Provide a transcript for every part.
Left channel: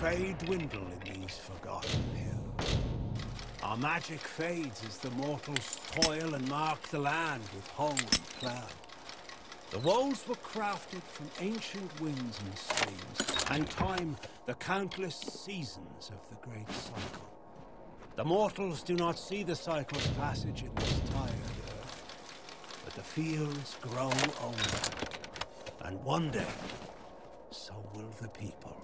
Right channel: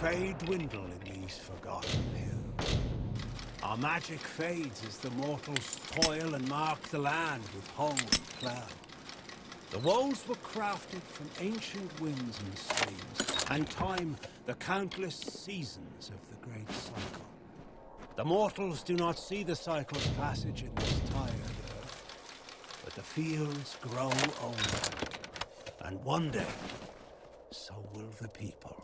Fade dwindle in these forgotten hills. Our magic fades as the mortals toil and mark the land with hoe and plough. The walls were crafted from ancient winds and streams, and time the countless seasons of the great cycle. The mortals do not see the cycle's passage in this tired earth, but the fields grow older, and one day, so will the people.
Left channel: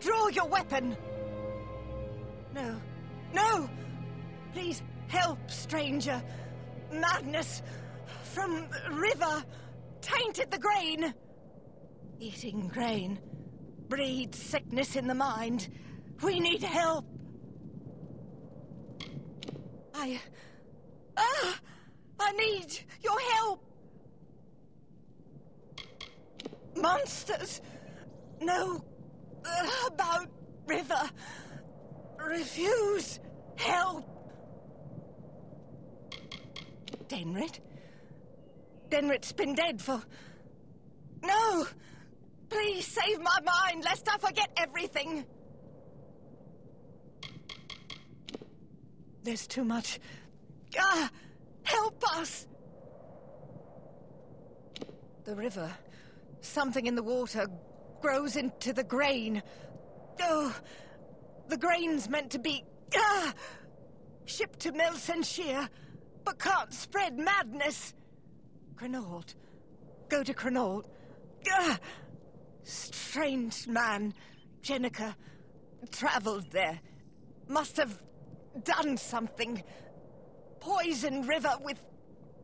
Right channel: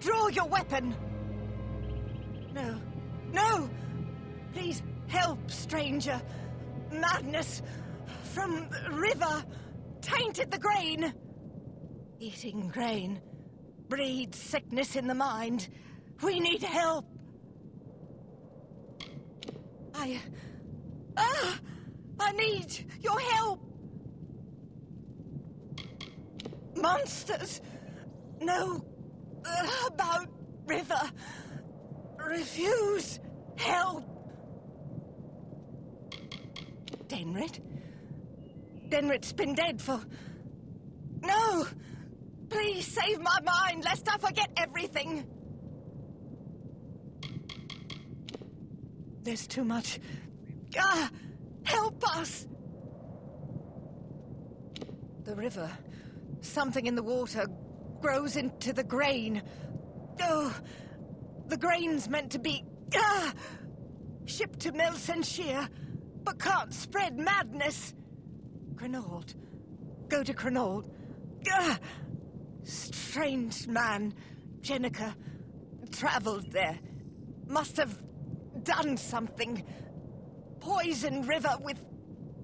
Draw your weapon! No. No! Please help, stranger. Madness from the river tainted the grain. Eating grain breeds sickness in the mind. We need help. I need your help. Monsters know about river. Refuse help. Denrit? Denrit's been dead for... No! Please save my mind, lest I forget everything. There's too much. Help us! The river, something in the water, grows into the grain. Oh, the grain's meant to be... shipped to Melsenshire, but can't spread madness. Cranault. Go to Cranault. Strange man, Jenica, travelled there. Must have done something. Poisoned river with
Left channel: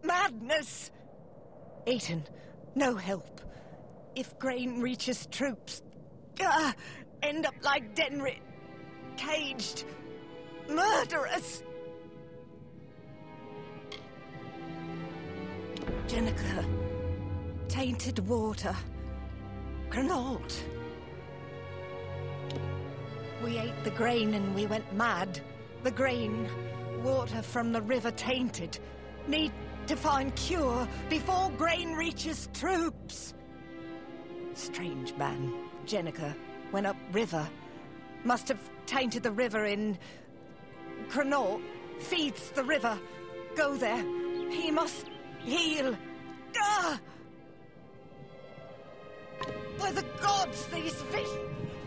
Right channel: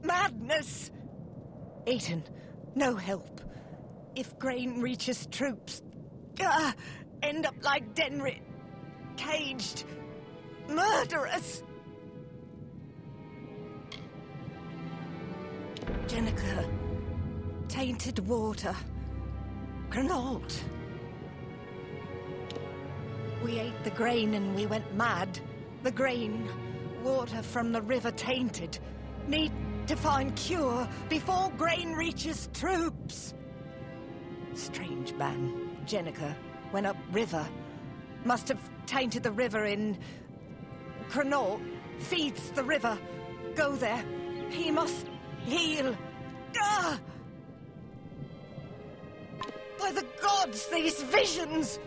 madness. Aiton, no help. If grain reaches troops, end up like Denrit, caged, murderous. Jenica, tainted water, Cranault. We ate the grain and we went mad. The grain, water from the river tainted. Need to find cure before grain reaches troops. Strange man, Jenica, went up river. Must have tainted the river in... Cranault feeds the river. Go there. He must heal. By the gods, these visions!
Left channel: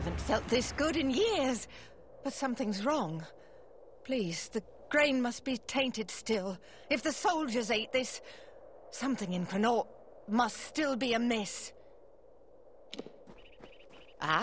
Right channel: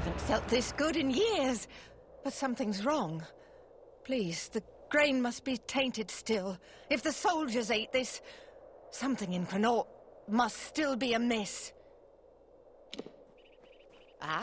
haven't felt this good in years. But something's wrong. Please, the grain must be tainted still. If the soldiers ate this, something in Connaught must still be amiss. Ah.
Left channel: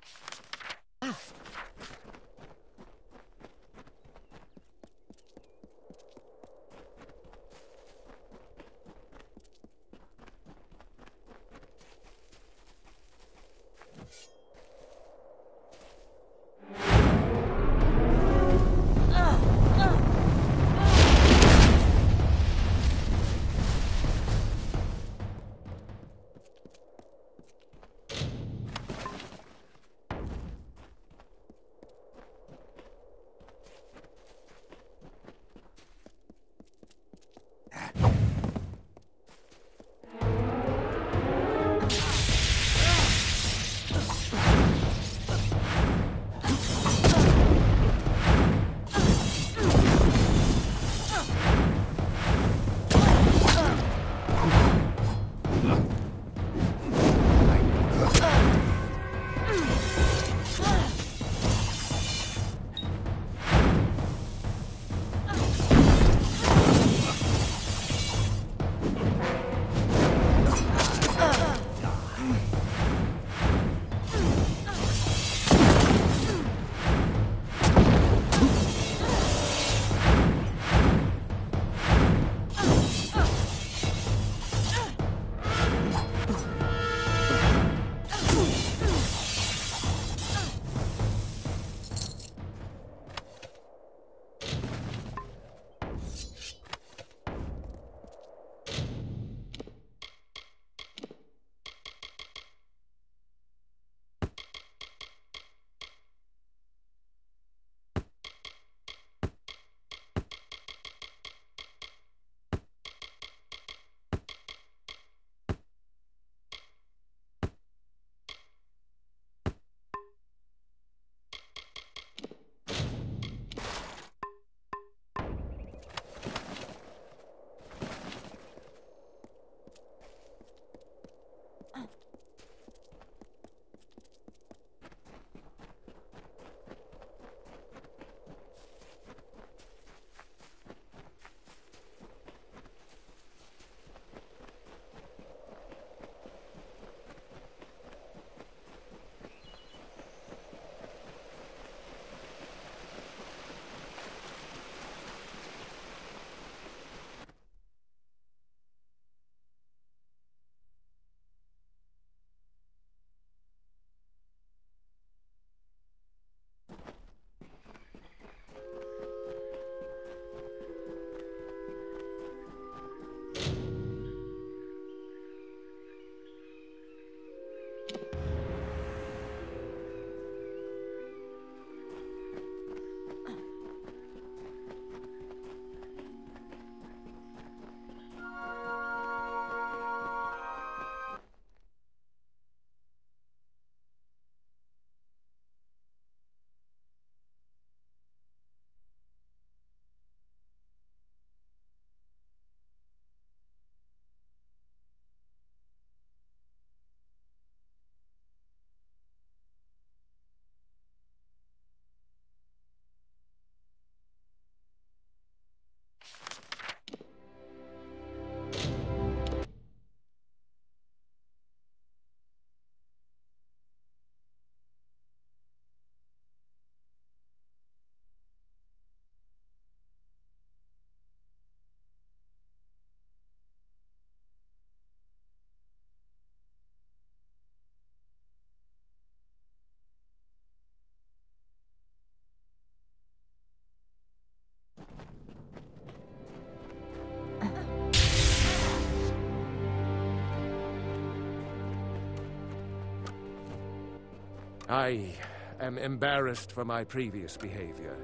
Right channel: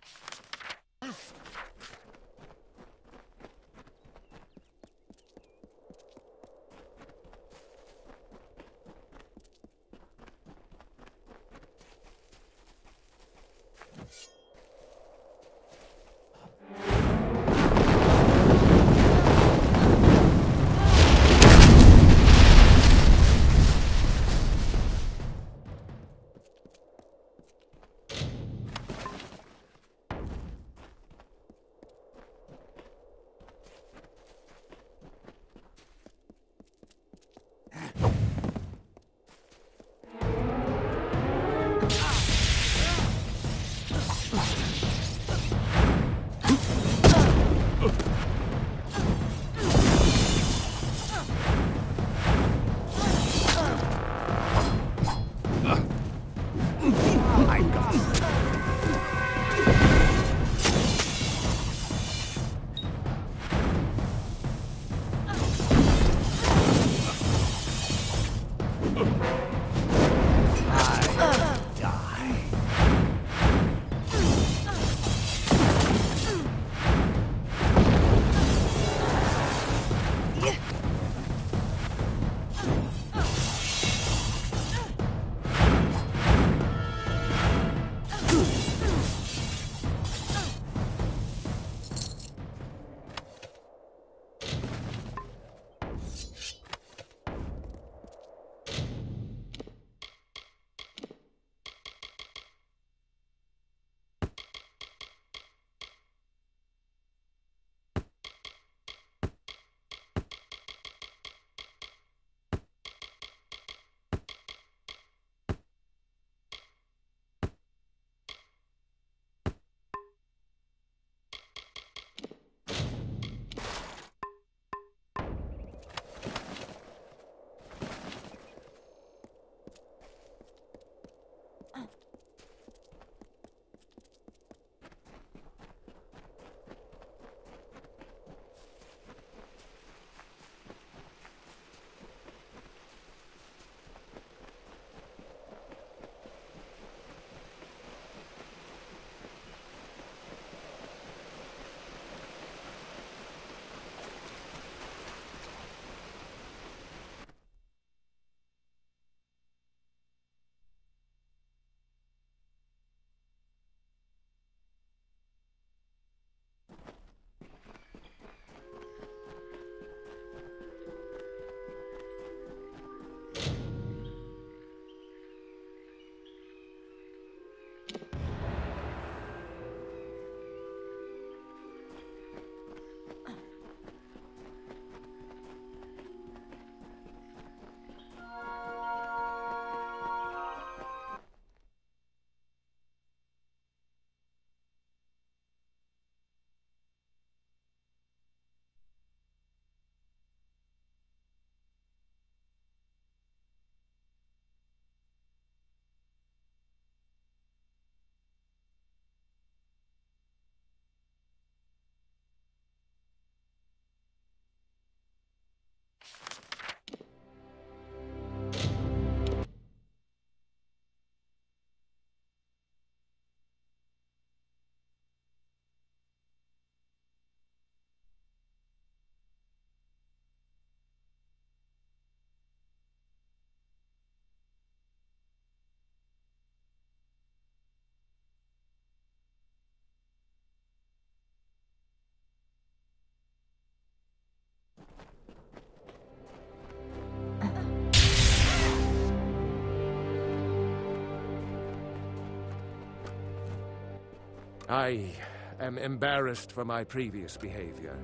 I am embarrassed for my previous behavior.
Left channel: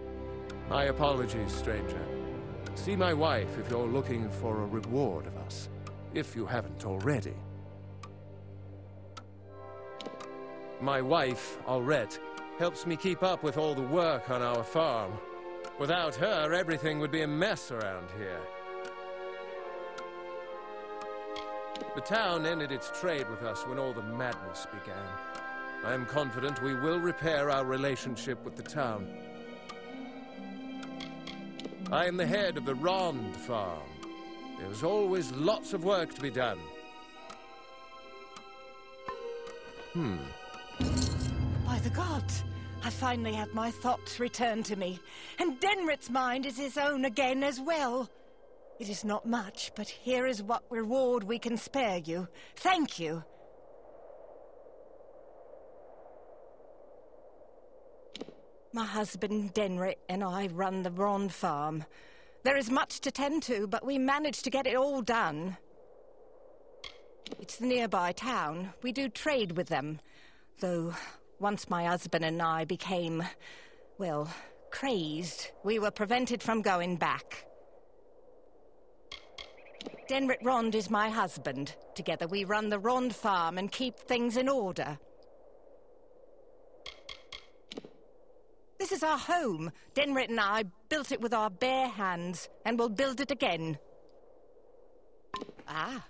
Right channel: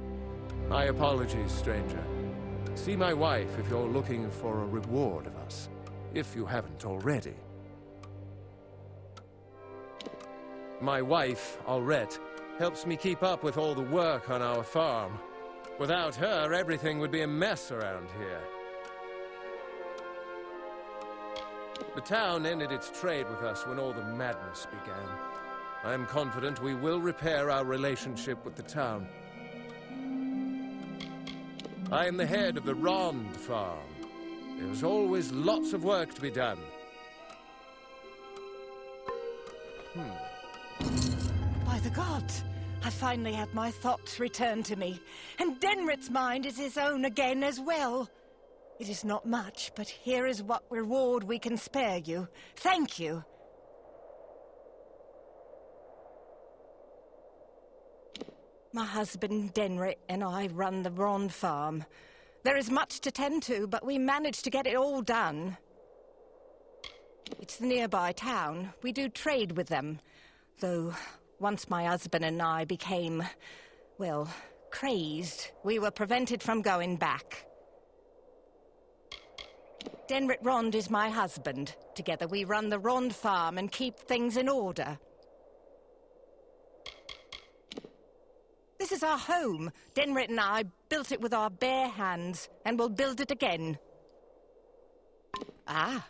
My apologies, stranger. See my wife if you're looking for a reward of us, if you haven't already. My wife, Aurette, helps me keep up with all the work on our farm. Without her, everything would be a mess around here. The town ended its trade with us when all the madness began. I am confident we will repair our relationship with the town. I am the head of the Rond farm. There's always lots of work to be done. By the gods, I finally had my thoughts return to me, and Denrit's mind is his own again as well. It is not much, but here is what reward we can spare you. Thank you. My husband, Denrit, and I run the Rond farm. There is much to tend to, but we managed to get it all done. It's the nearby town. We do trade with them. Though, once my husband and I became, well, crazed, we were prevented from going back. Denrit Rond is my husband. Together we run the Rond farm and keep things in order. This is our home. Denrit and I built it with our bare hands, and will build it again. Ah.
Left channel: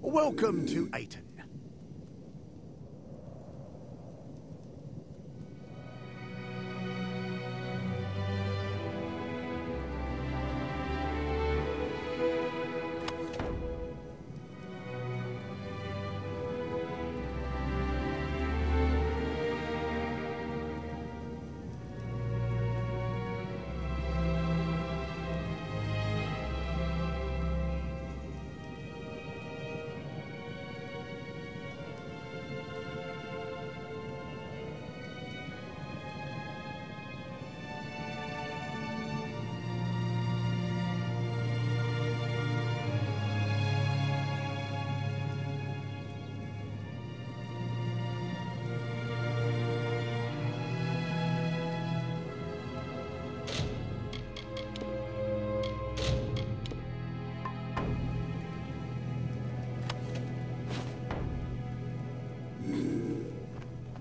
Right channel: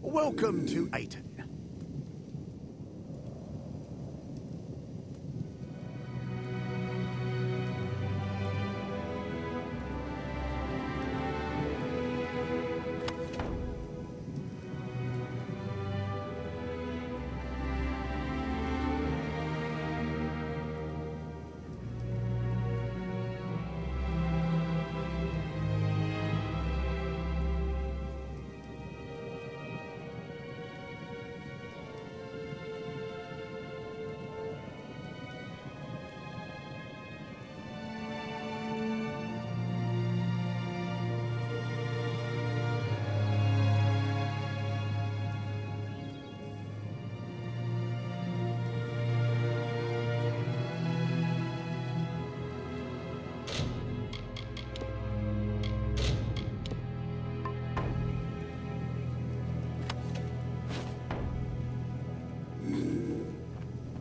Welcome to Aiton.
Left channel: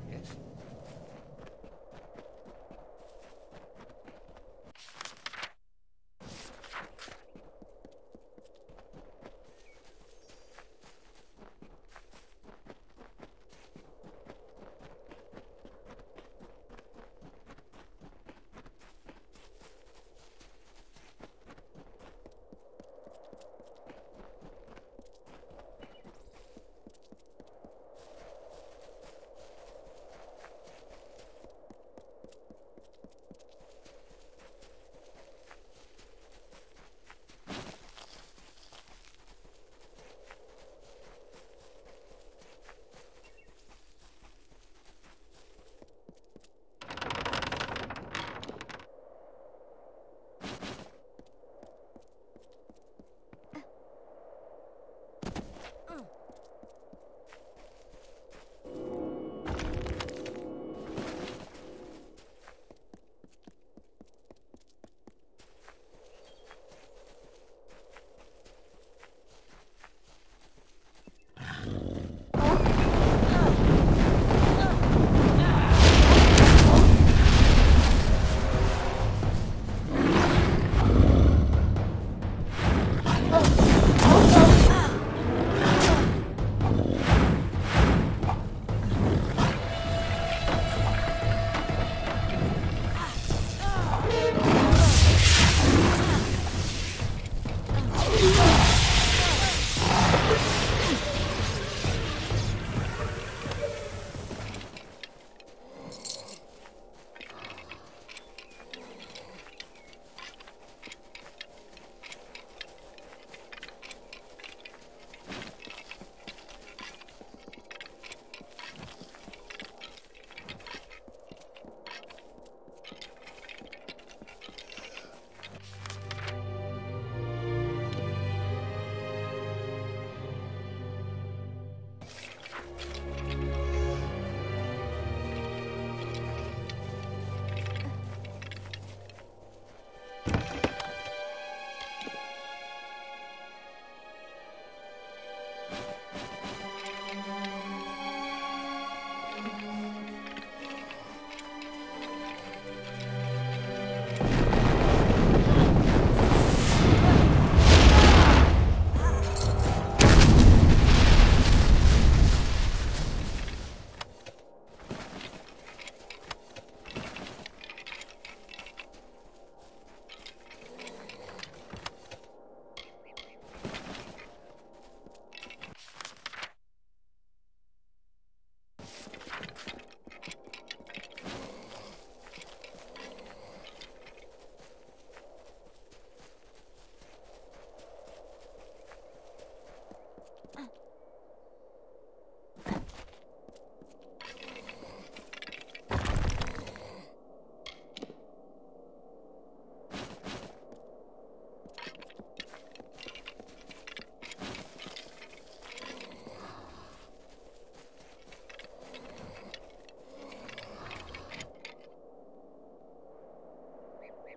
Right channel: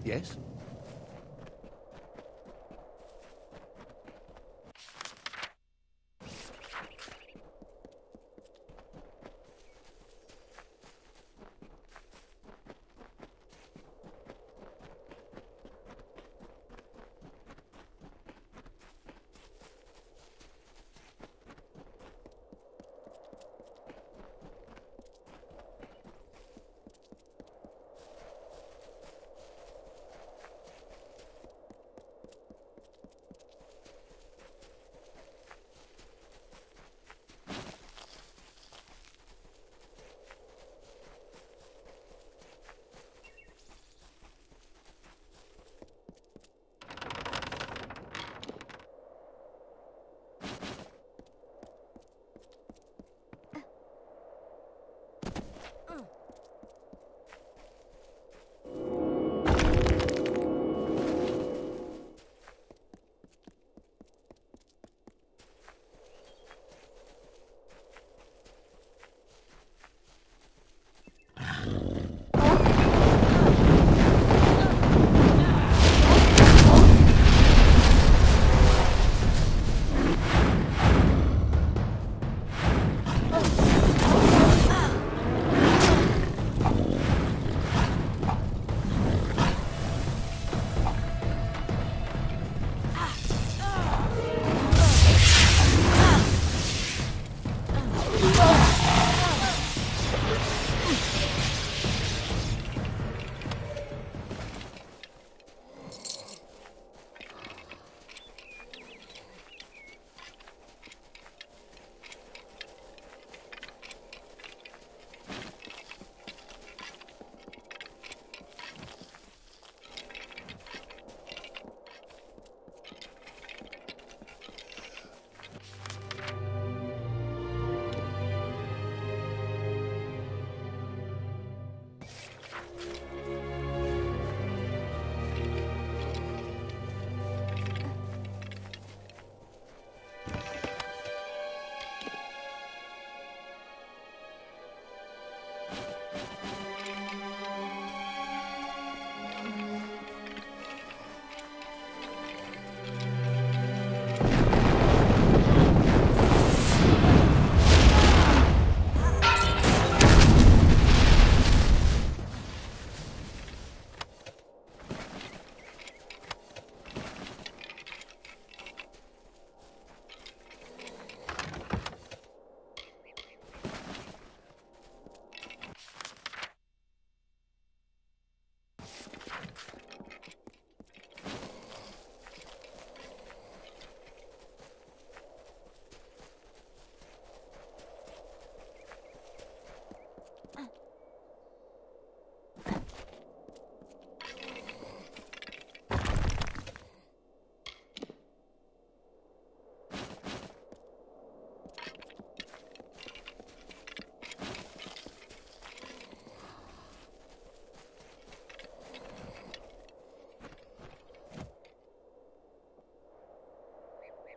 Yes?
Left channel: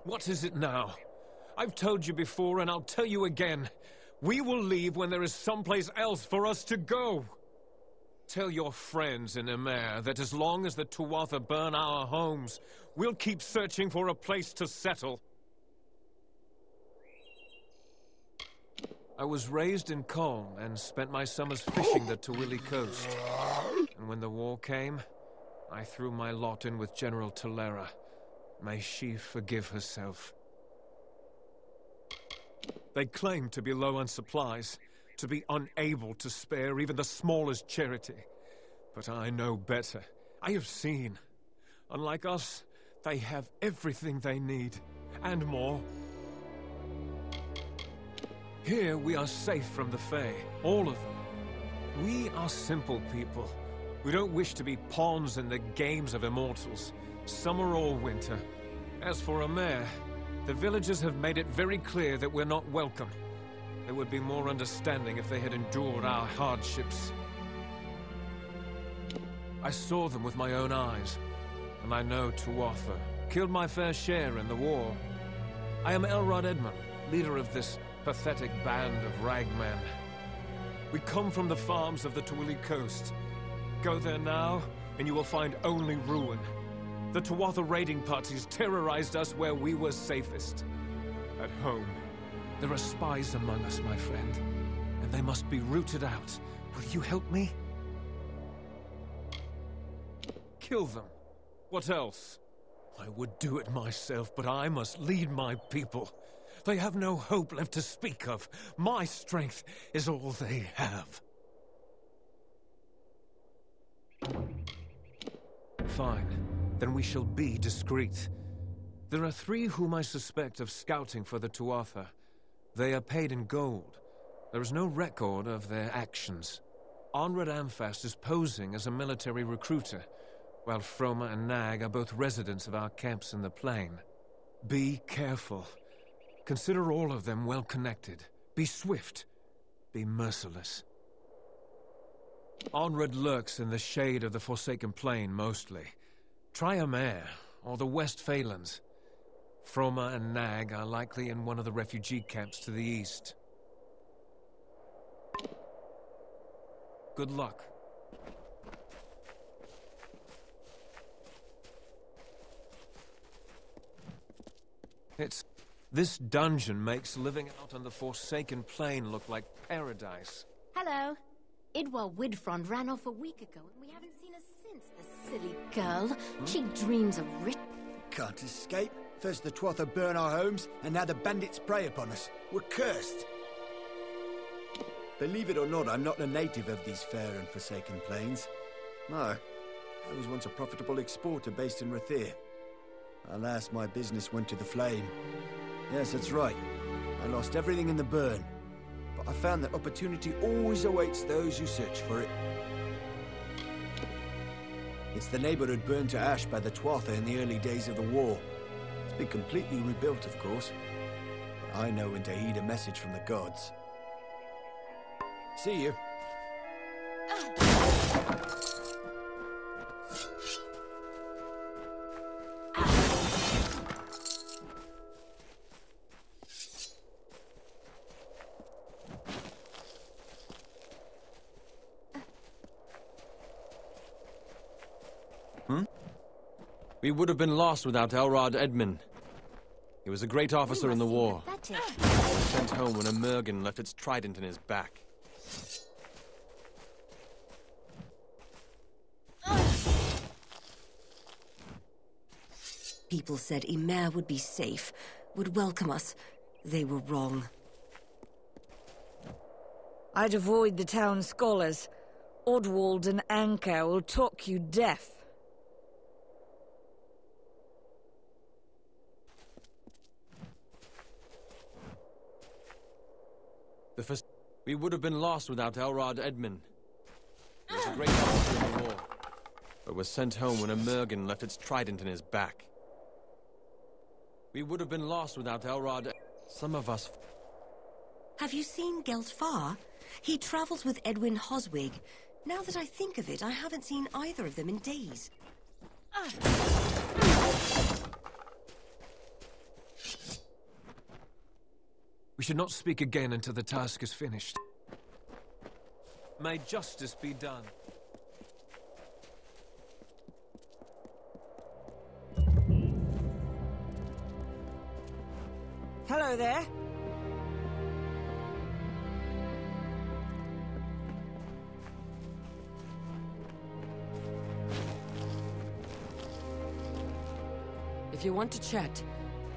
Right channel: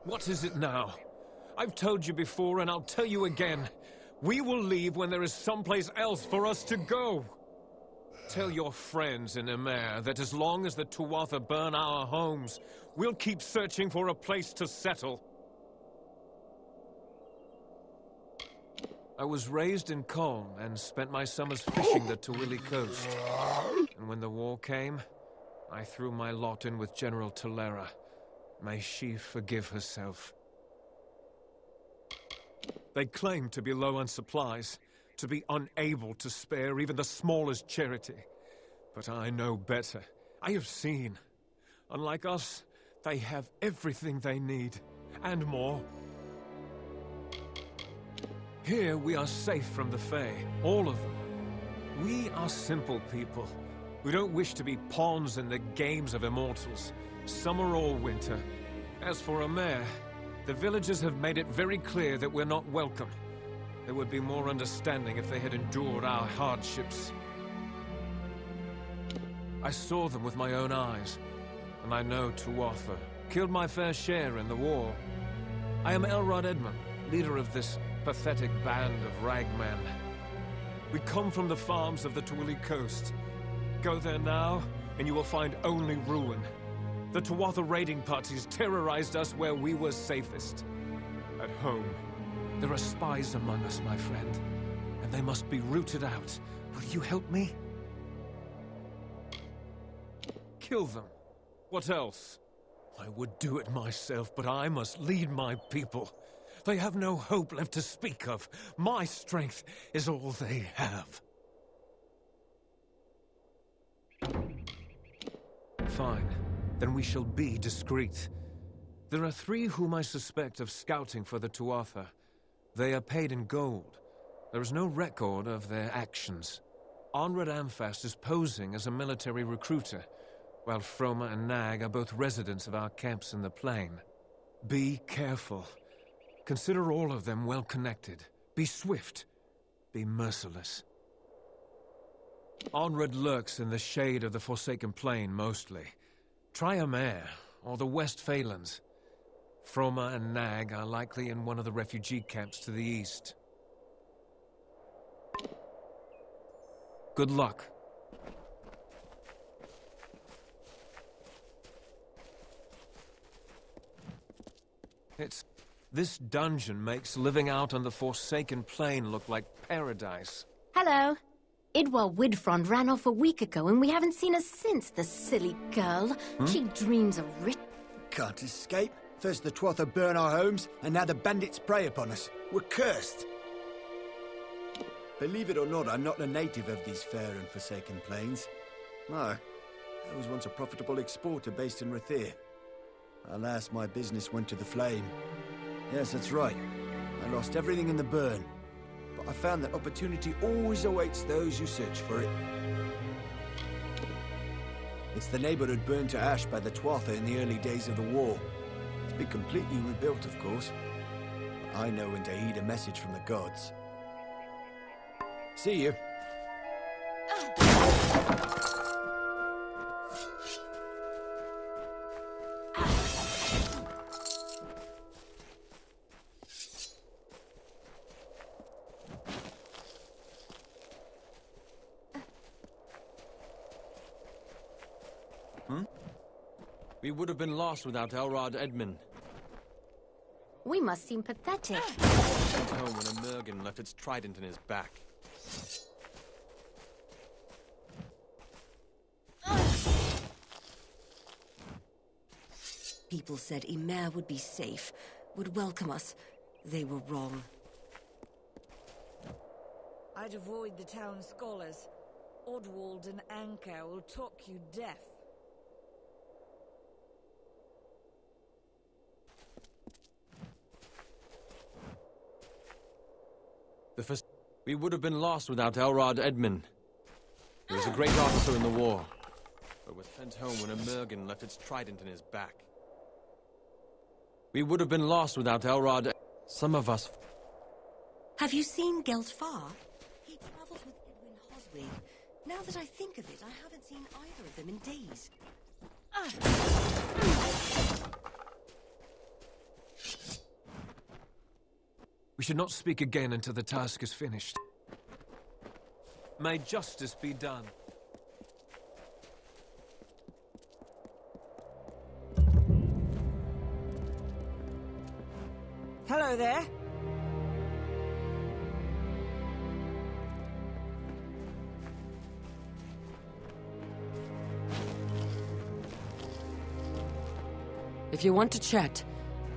What is it now? I've told you before, and I'll tell you again. We will leave when there is someplace else for us to go. Tell your friends in Emer that as long as the Tuatha burn our homes, we'll keep searching for a place to settle. I was raised in Colm and spent my summers fishing the Tuili coast. And when the war came, I threw my lot in with General Tolera. May she forgive herself. They claim to be low on supplies, to be unable to spare even the smallest charity. But I know better. I have seen. Unlike us, they have everything they need, and more. Here we are safe from the Fae, all of them. We are simple people. We don't wish to be pawns in the games of immortals, summer or winter. As for Emer, the villagers have made it very clear that we're not welcome. There would be more understanding if they had endured our hardships. I saw them with my own eyes, and I know Tuatha killed my fair share in the war. I am Elrod Edmund, leader of this pathetic band of ragmen. We come from the farms of the Tuili coast. Go there now, and you will find only ruin. The Tuatha raiding parties terrorized us where we were safest. At home. There are spies among us, my friend, and they must be rooted out. Will you help me? Kill them. What else? I would do it myself, but I must lead my people. They have no hope left to speak of. My strength is all they have. Fine. Then we shall be discreet. There are 3 whom I suspect of scouting for the Tuatha. They are paid in gold. There is no record of their actions. Onred Amphast is posing as a military recruiter, while Froma and Nag are both residents of our camps in the plain. Be careful. Consider all of them well connected. Be swift. Be merciless. Onred lurks in the shade of the Forsaken Plain mostly. Try Emer, or the West Phalanx. Froma and Nag are likely in one of the refugee camps to the east. Good luck. This dungeon makes living out on the Forsaken Plain look like paradise. Hello. Idwal Widfrond ran off a week ago and we haven't seen her since, the silly girl. Can't escape. First the Tuatha burn our homes, and now the bandits prey upon us. We're cursed. Believe it or not, I'm not a native of these fair and forsaken plains. No, I was once a profitable exporter based in Rathir. Alas, my business went to the flame. Yes, that's right. I lost everything in the burn. But I found that opportunity always awaits those who search for it. It's the neighborhood burned to ash by the Tuatha in the early days of the war. It's been completely rebuilt, of course. But I know when to heed a message from the gods. See you. We would have been lost without Elrod Edmund. He was a great officer in the war. Oh, when a Mergen left its trident in his back. People said Emer would be safe, would welcome us. They were wrong. I'd avoid the town scholars. Oddwald and Anka will talk you deaf. We would have been lost without Elrod Edmund. He was a great officer in the war, but was sent home when a Mergen left its trident in his back. We would have been lost without Elrod. Some of us... Have you seen Geltfar? He travels with Edwin Hoswig. Now that I think of it, I haven't seen either of them in days. We should not speak again until the task is finished. May justice be done. Hello there. If you want to chat,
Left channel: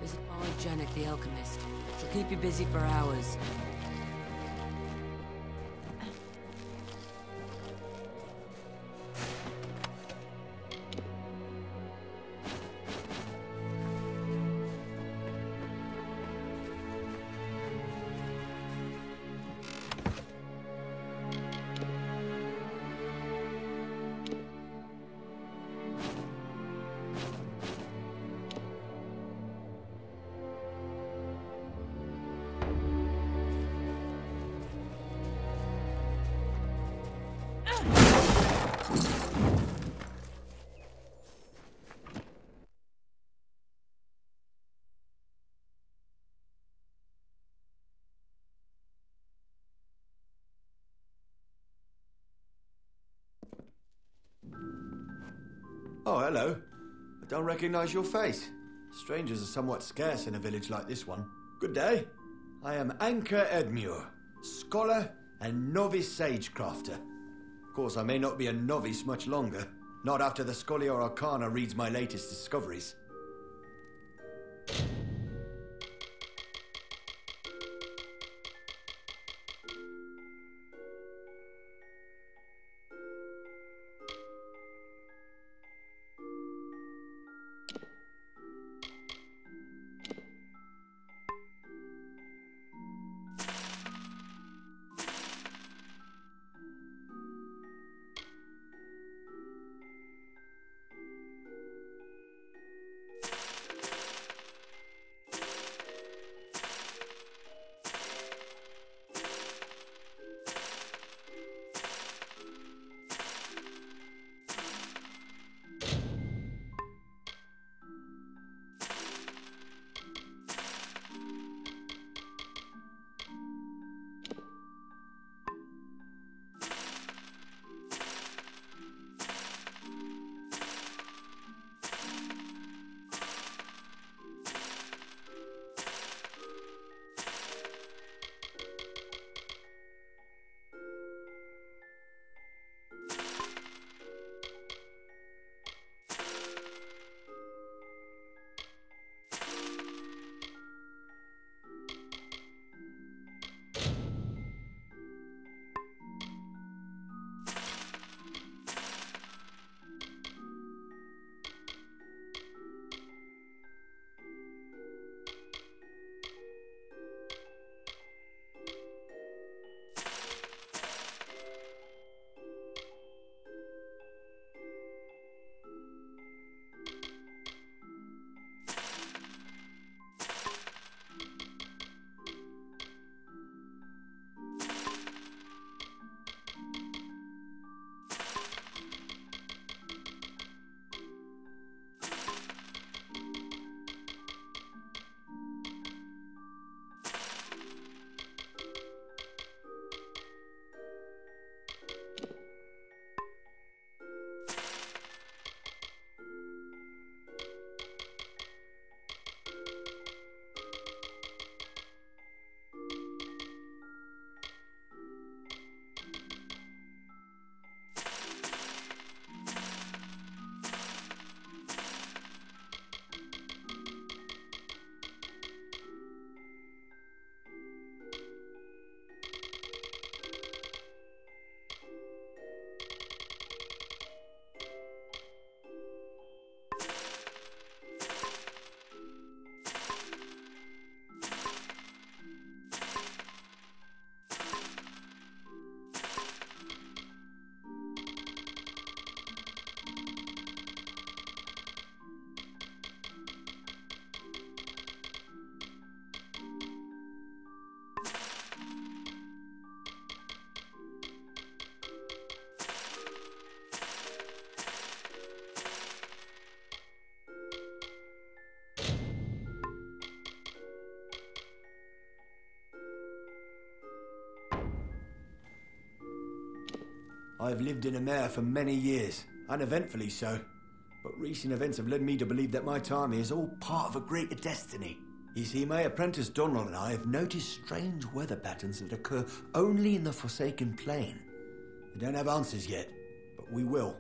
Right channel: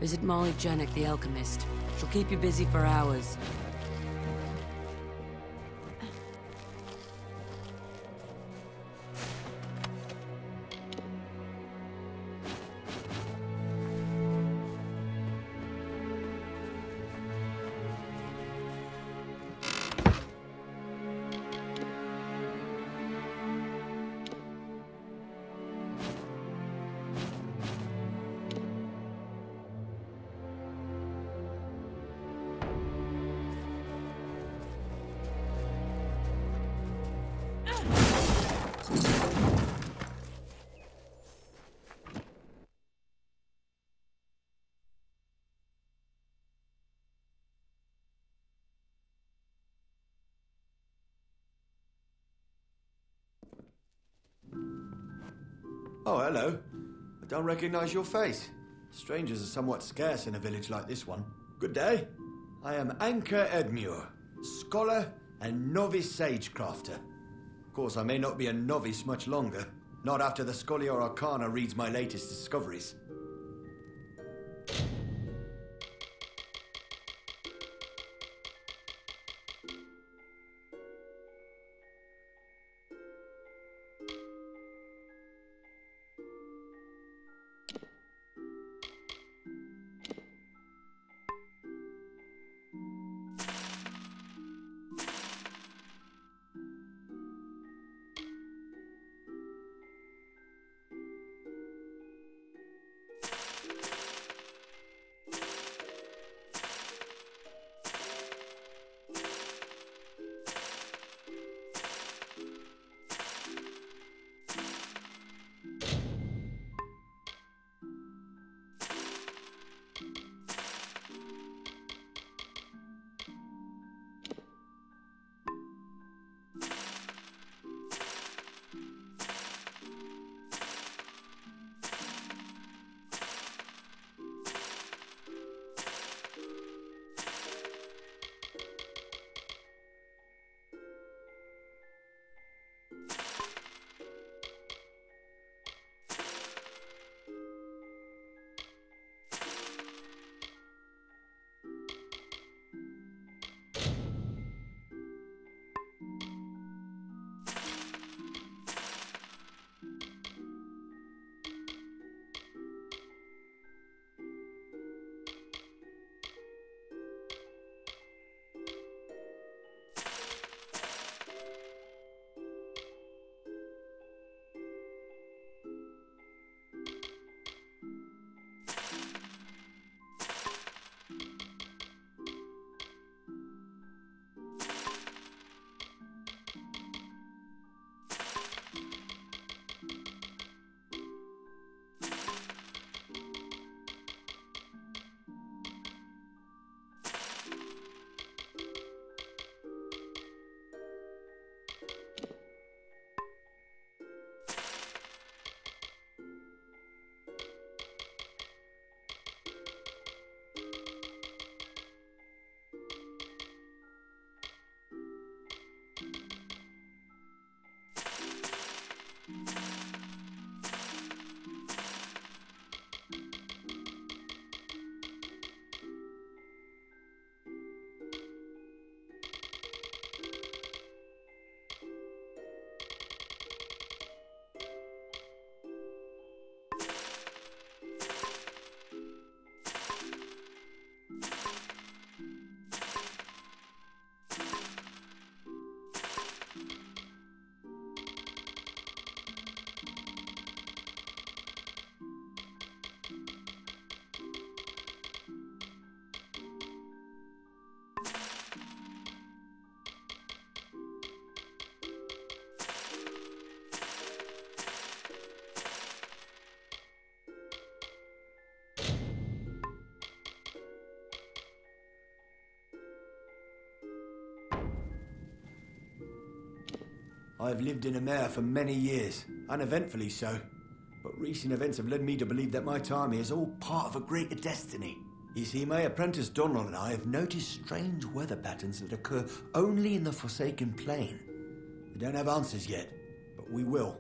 visit Mage the Alchemist. He'll keep you busy for hours. Oh, hello. I don't recognize your face. Strangers are somewhat scarce in a village like this one. Good day. I am Anchor Edmure, scholar and novice sagecrafter. Of course, I may not be a novice much longer. Not after the Scholiar Arcana reads my latest discoveries. I have lived in Amalur for many years, uneventfully so. But recent events have led me to believe that my time here is all part of a greater destiny. You see, my apprentice Donald and I have noticed strange weather patterns that occur only in the Forsaken Plain. We don't have answers yet, but we will.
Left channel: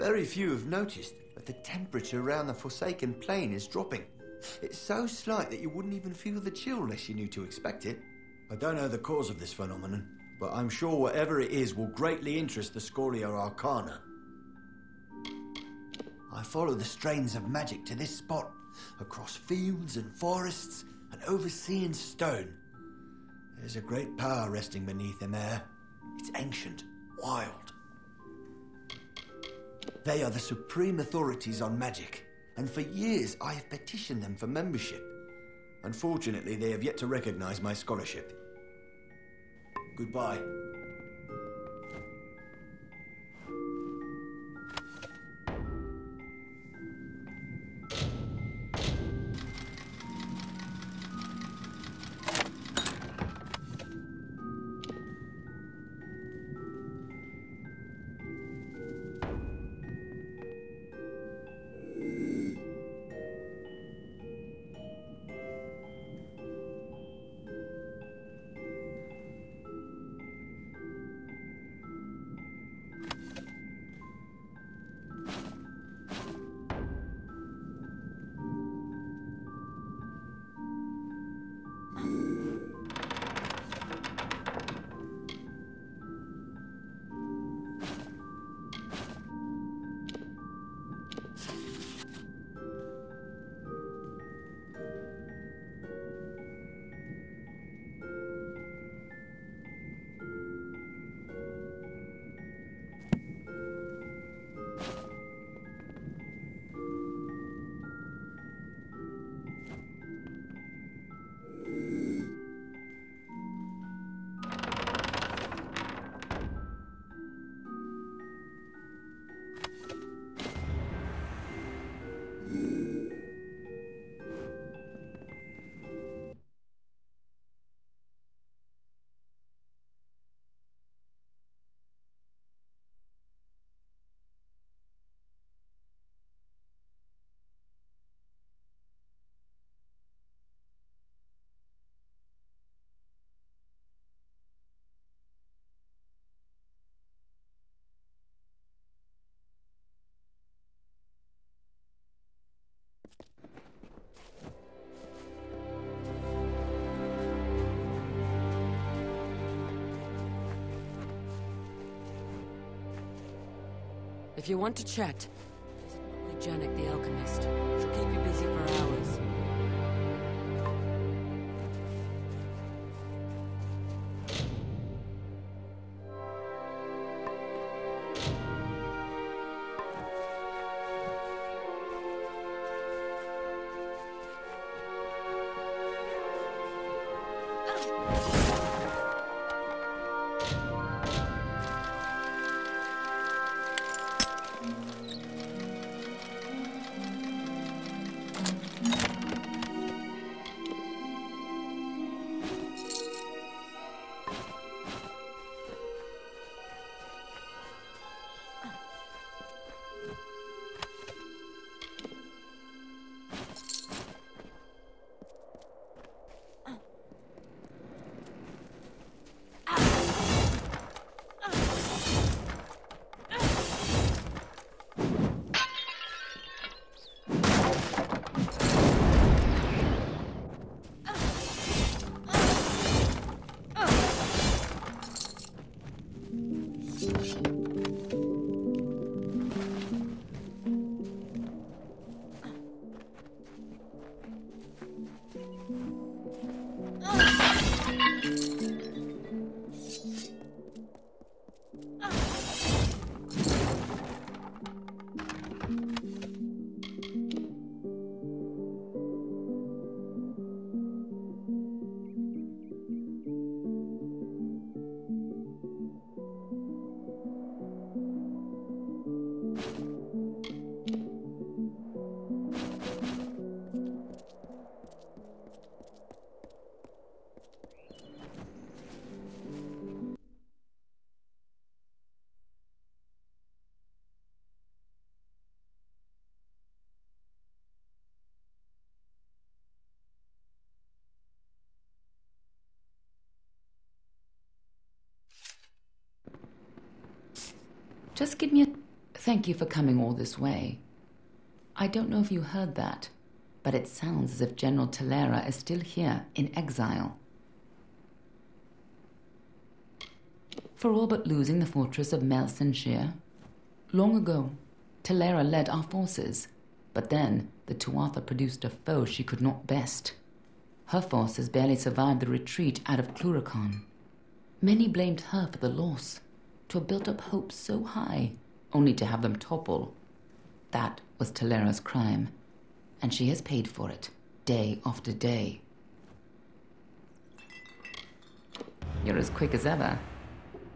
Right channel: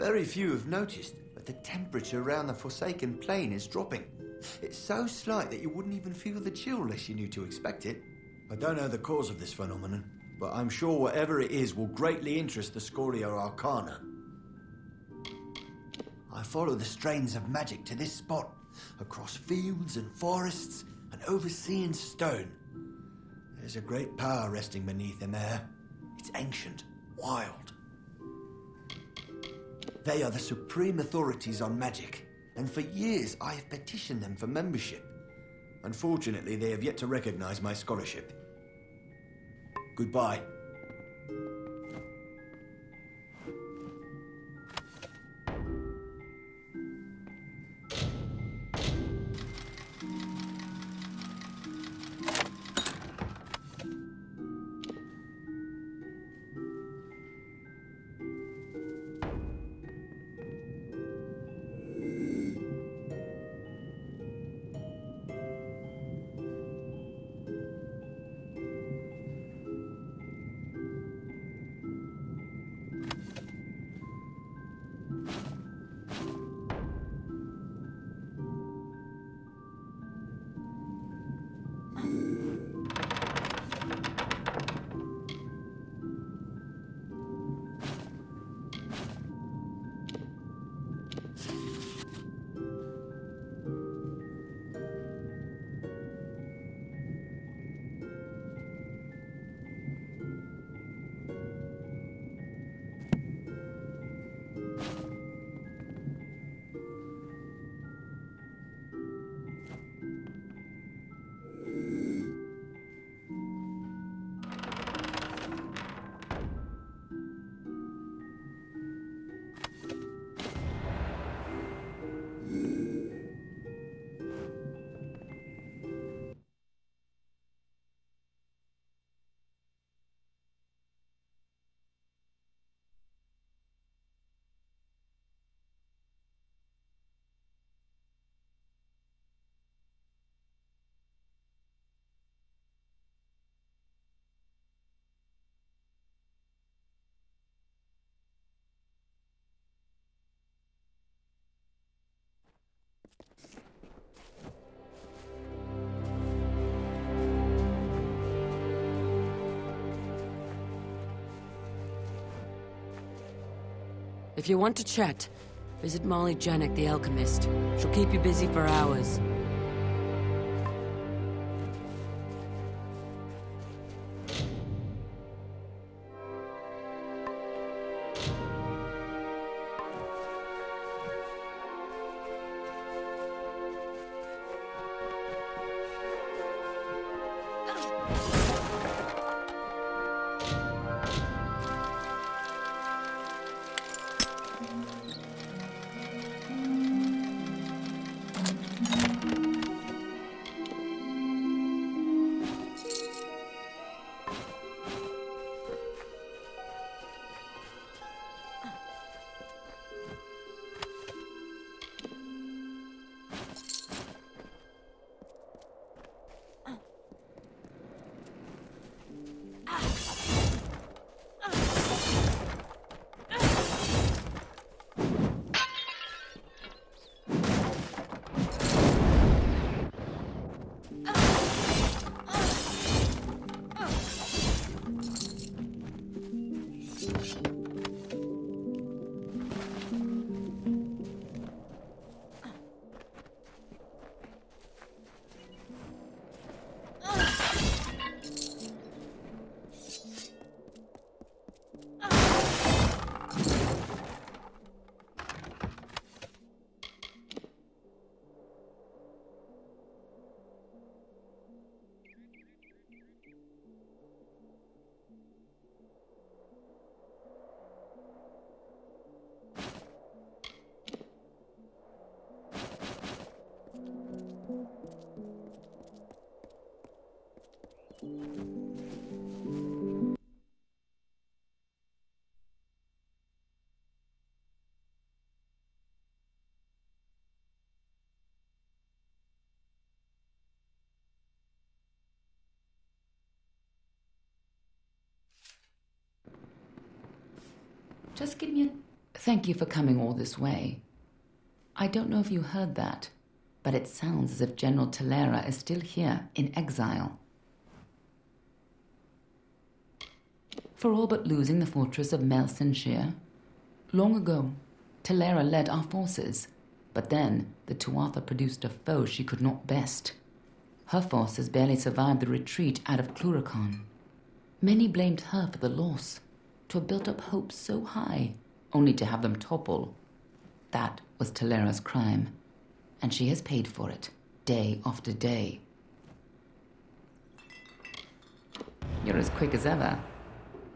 Very few have noticed, but the temperature around the Forsaken Plain is dropping. It's so slight that you wouldn't even feel the chill unless you knew to expect it. I don't know the cause of this phenomenon, but I'm sure whatever it is will greatly interest the Scholia Arcana. I follow the strains of magic to this spot, across fields and forests and overseeing stone. There's a great power resting beneath them air. It's ancient, wild. They are the supreme authorities on magic, and for years I have petitioned them for membership. Unfortunately, they have yet to recognize my scholarship. Goodbye. If you want to chat, visit Molly Janek, the alchemist. She'll keep you busy for hours. Just give me a thank you for coming all this way. I don't know if you heard that, but it sounds as if General Talera is still here in exile. For all but losing the fortress of Mel Senshir. Long ago, Talera led our forces, but then the Tuatha produced a foe she could not best. Her forces barely survived the retreat out of Cluracan. Many blamed her for the loss, to have built up hopes so high, only to have them topple. That was Talera's crime, and she has paid for it, day after day. You're as quick as ever.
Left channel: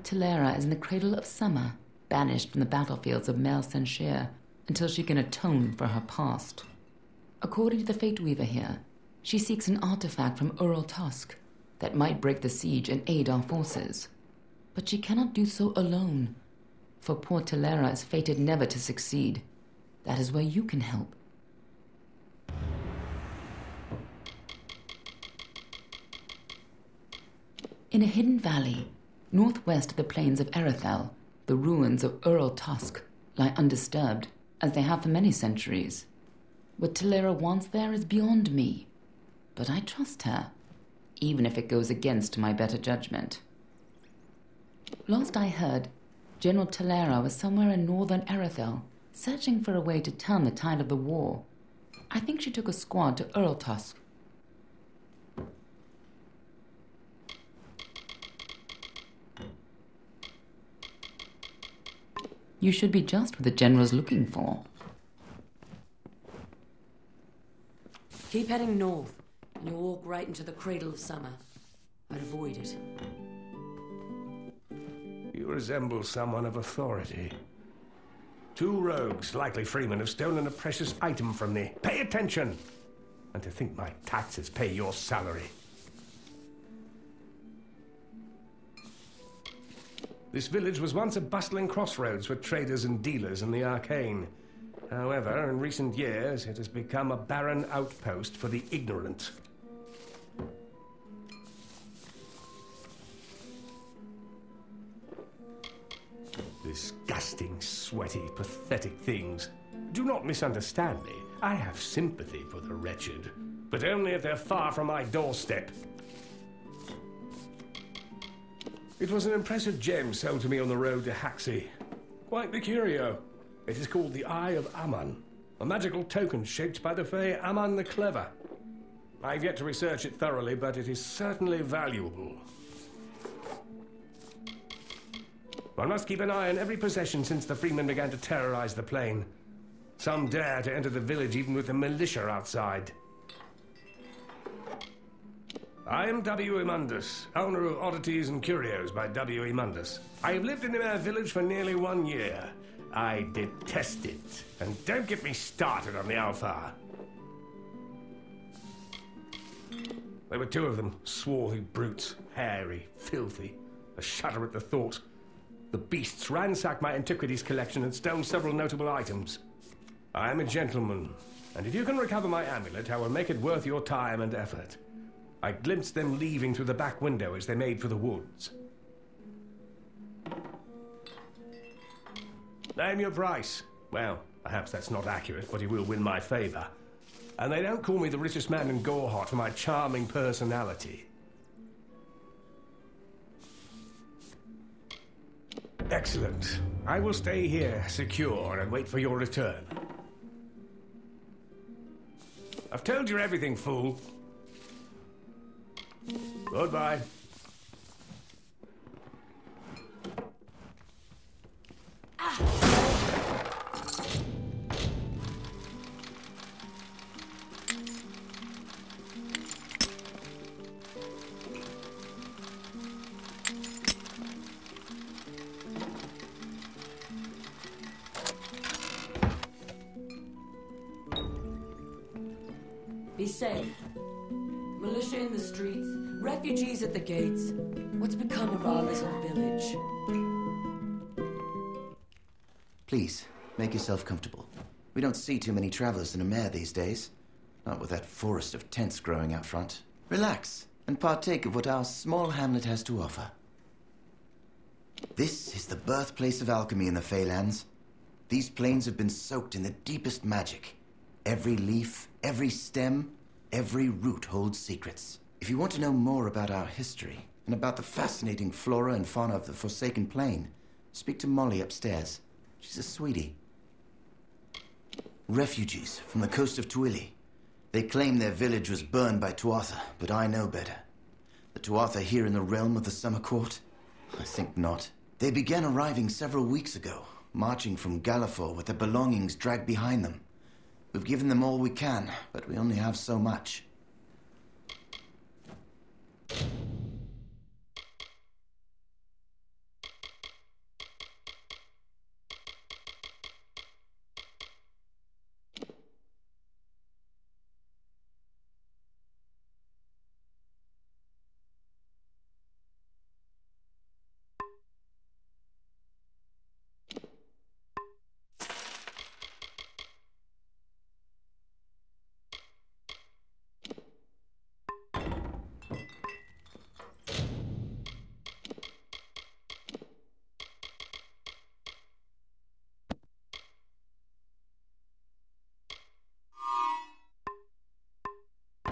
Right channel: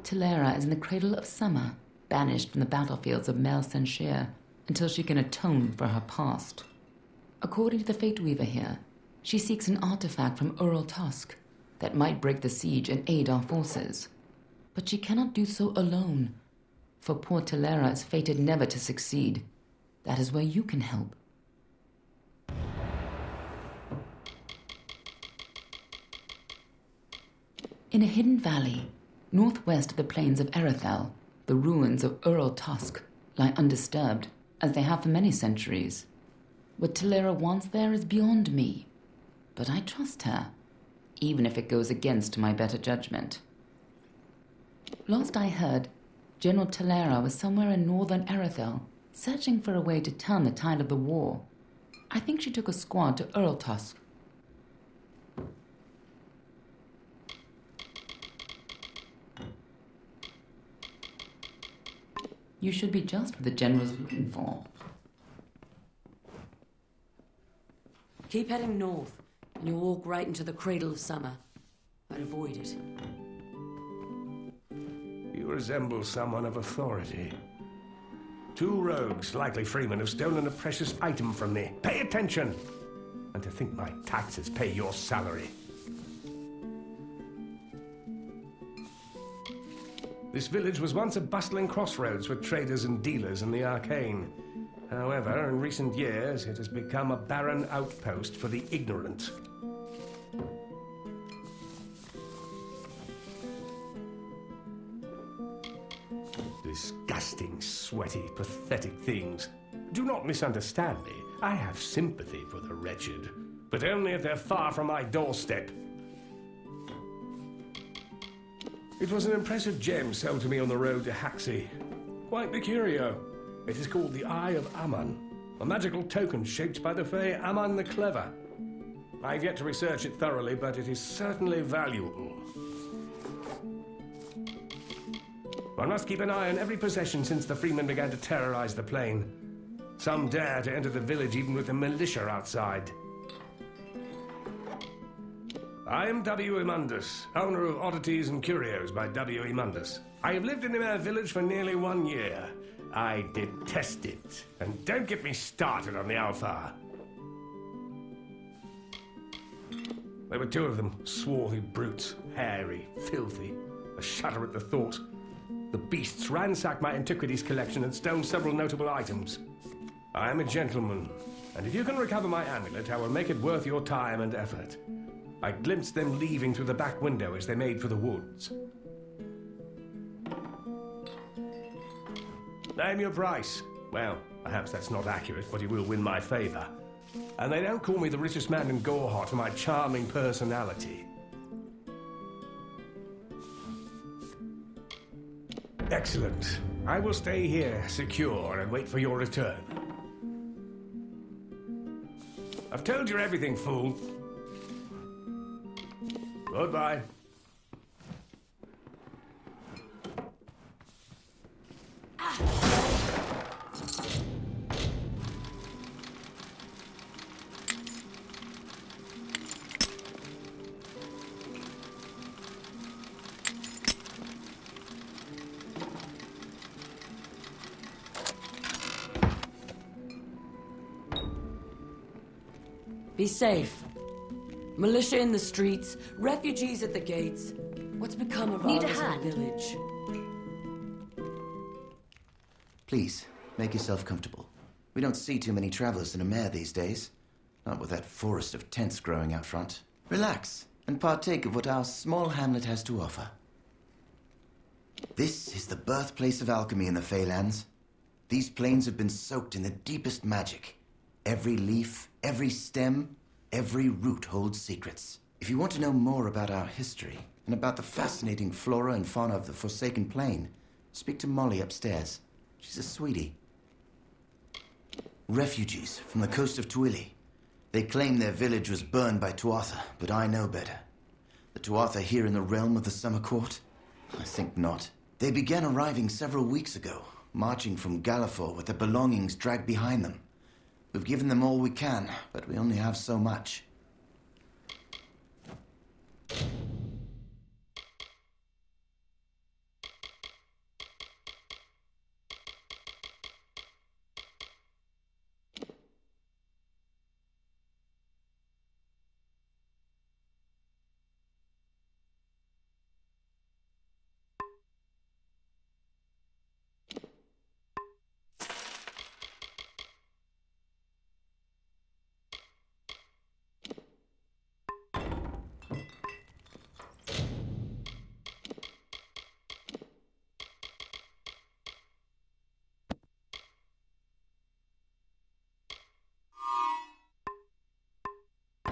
Talera is in the cradle of summer, banished from the battlefields of Mel Senshir until she can atone for her past. According to the Fate Weaver here, she seeks an artifact from Ural Tusk that might break the siege and aid our forces. But she cannot do so alone, for poor Talera is fated never to succeed. That is where you can help. In a hidden valley, northwest of the plains of Erethel, the ruins of Ural Tusk lie undisturbed, as they have for many centuries. What Talera wants there is beyond me, but I trust her, even if it goes against my better judgment. Last I heard, General Talera was somewhere in northern Erethel, searching for a way to turn the tide of the war. I think she took a squad to Uraltusk. You should be just what the General's looking for. Keep heading north, and you'll walk right into the cradle of summer. I'd avoid it. You resemble someone of authority. 2 rogues, likely freemen, have stolen a precious item from me. Pay attention! And to think my taxes pay your salary. This village was once a bustling crossroads for traders and dealers in the arcane. However, in recent years, it has become a barren outpost for the ignorant. Disgusting, sweaty, pathetic things. Do not misunderstand me. I have sympathy for the wretched, but only if they're far from my doorstep. It was an impressive gem sold to me on the road to Haxi. Quite the curio. It is called the Eye of Aman, a magical token shaped by the Fae Aman the Clever. I've yet to research it thoroughly, but it is certainly valuable. One must keep an eye on every possession since the freemen began to terrorize the plain. Some dare to enter the village even with the militia outside. I am W. Mundus, owner of Oddities and Curios by W. Mundus. I have lived in the Mare village for nearly 1 year. I detest it. And don't get me started on the Alpha. There were 2 of them, swarthy brutes, hairy, filthy. I shudder at the thought. The beasts ransacked my antiquities collection and stole several notable items. I am a gentleman, and if you can recover my amulet, I will make it worth your time and effort. I glimpsed them leaving through the back window as they made for the woods. Name your price. Well, perhaps that's not accurate, but you will win my favor. And they don't call me the richest man in Gorehot for my charming personality. Excellent. I will stay here, secure, and wait for your return. I've told you everything, fool. Goodbye. Be safe. Militia in the streets, refugees at the gates. Need a hand? Please, make yourself comfortable. We don't see too many travelers in a mare these days. Not with that forest of tents growing out front. Relax, and partake of what our small hamlet has to offer. This is the birthplace of alchemy in the Feylands. These plains have been soaked in the deepest magic. Every leaf, every stem, every root holds secrets. If you want to know more about our history, and about the fascinating flora and fauna of the Forsaken Plain, speak to Molly upstairs. She's a sweetie. Refugees from the coast of Twili. They claim their village was burned by Tuatha, but I know better. The Tuatha here in the realm of the Summer Court? I think not. They began arriving several weeks ago, marching from Gallifore with their belongings dragged behind them. We've given them all we can, but we only have so much.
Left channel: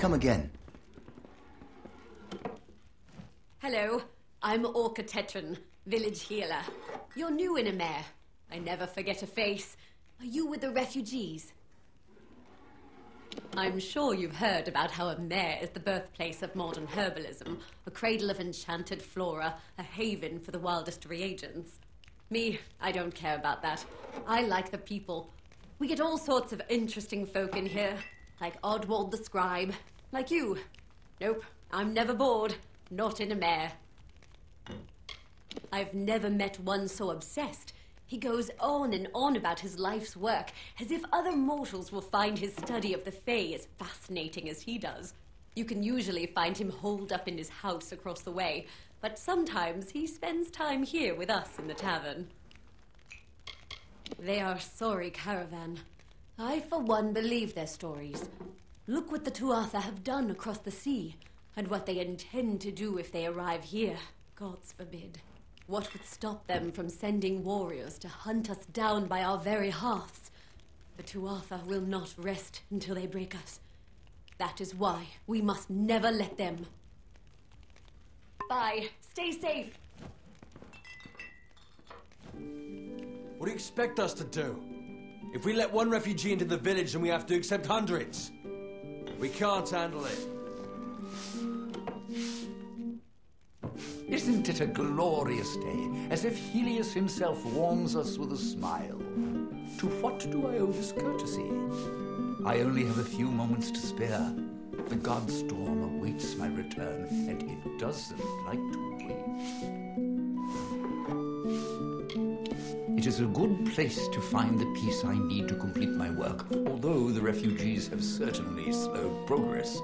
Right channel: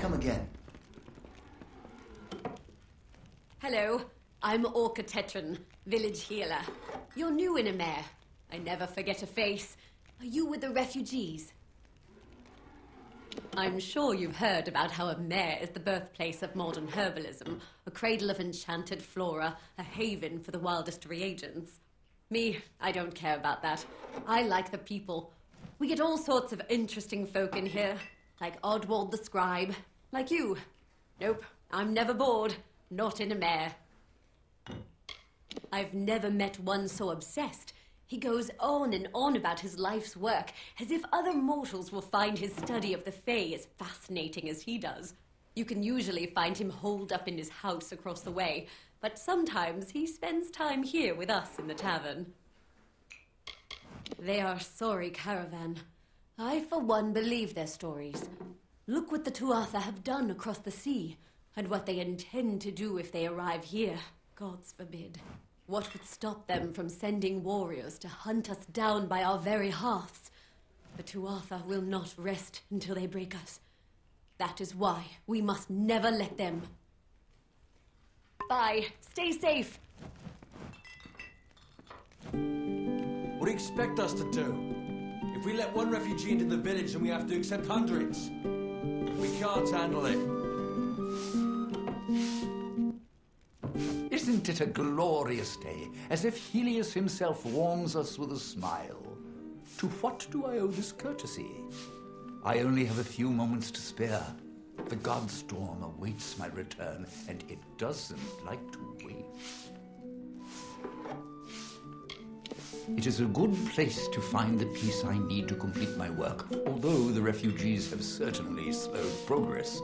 Come again. Hello, I'm Orca Tetran, village healer. You're new in Amer. I never forget a face. Are you with the refugees? I'm sure you've heard about how Amer is the birthplace of modern herbalism, a cradle of enchanted flora, a haven for the wildest reagents. Me, I don't care about that. I like the people. We get all sorts of interesting folk in here, like Oddwald the Scribe, like you. Nope, I'm never bored. Not in Amer. I've never met one so obsessed. He goes on and on about his life's work, as if other mortals will find his study of the Fae as fascinating as he does. You can usually find him holed up in his house across the way, but sometimes he spends time here with us in the tavern. They are a sorry caravan. I, for one, believe their stories. Look what the Tuatha have done across the sea, and what they intend to do if they arrive here. Gods forbid. What would stop them from sending warriors to hunt us down by our very hearths? The Tuatha will not rest until they break us. That is why we must never let them. Bye. Stay safe. What do you expect us to do? If we let one refugee into the village, then we have to accept hundreds. We can't handle it. Isn't it a glorious day, as if Helios himself warms us with a smile? To what do I owe this courtesy? I only have a few moments to spare. The god storm awaits my return, and it doesn't like to wait. It is a good place to find the piece I need to complete my work, although the refugees have certainly slowed progress.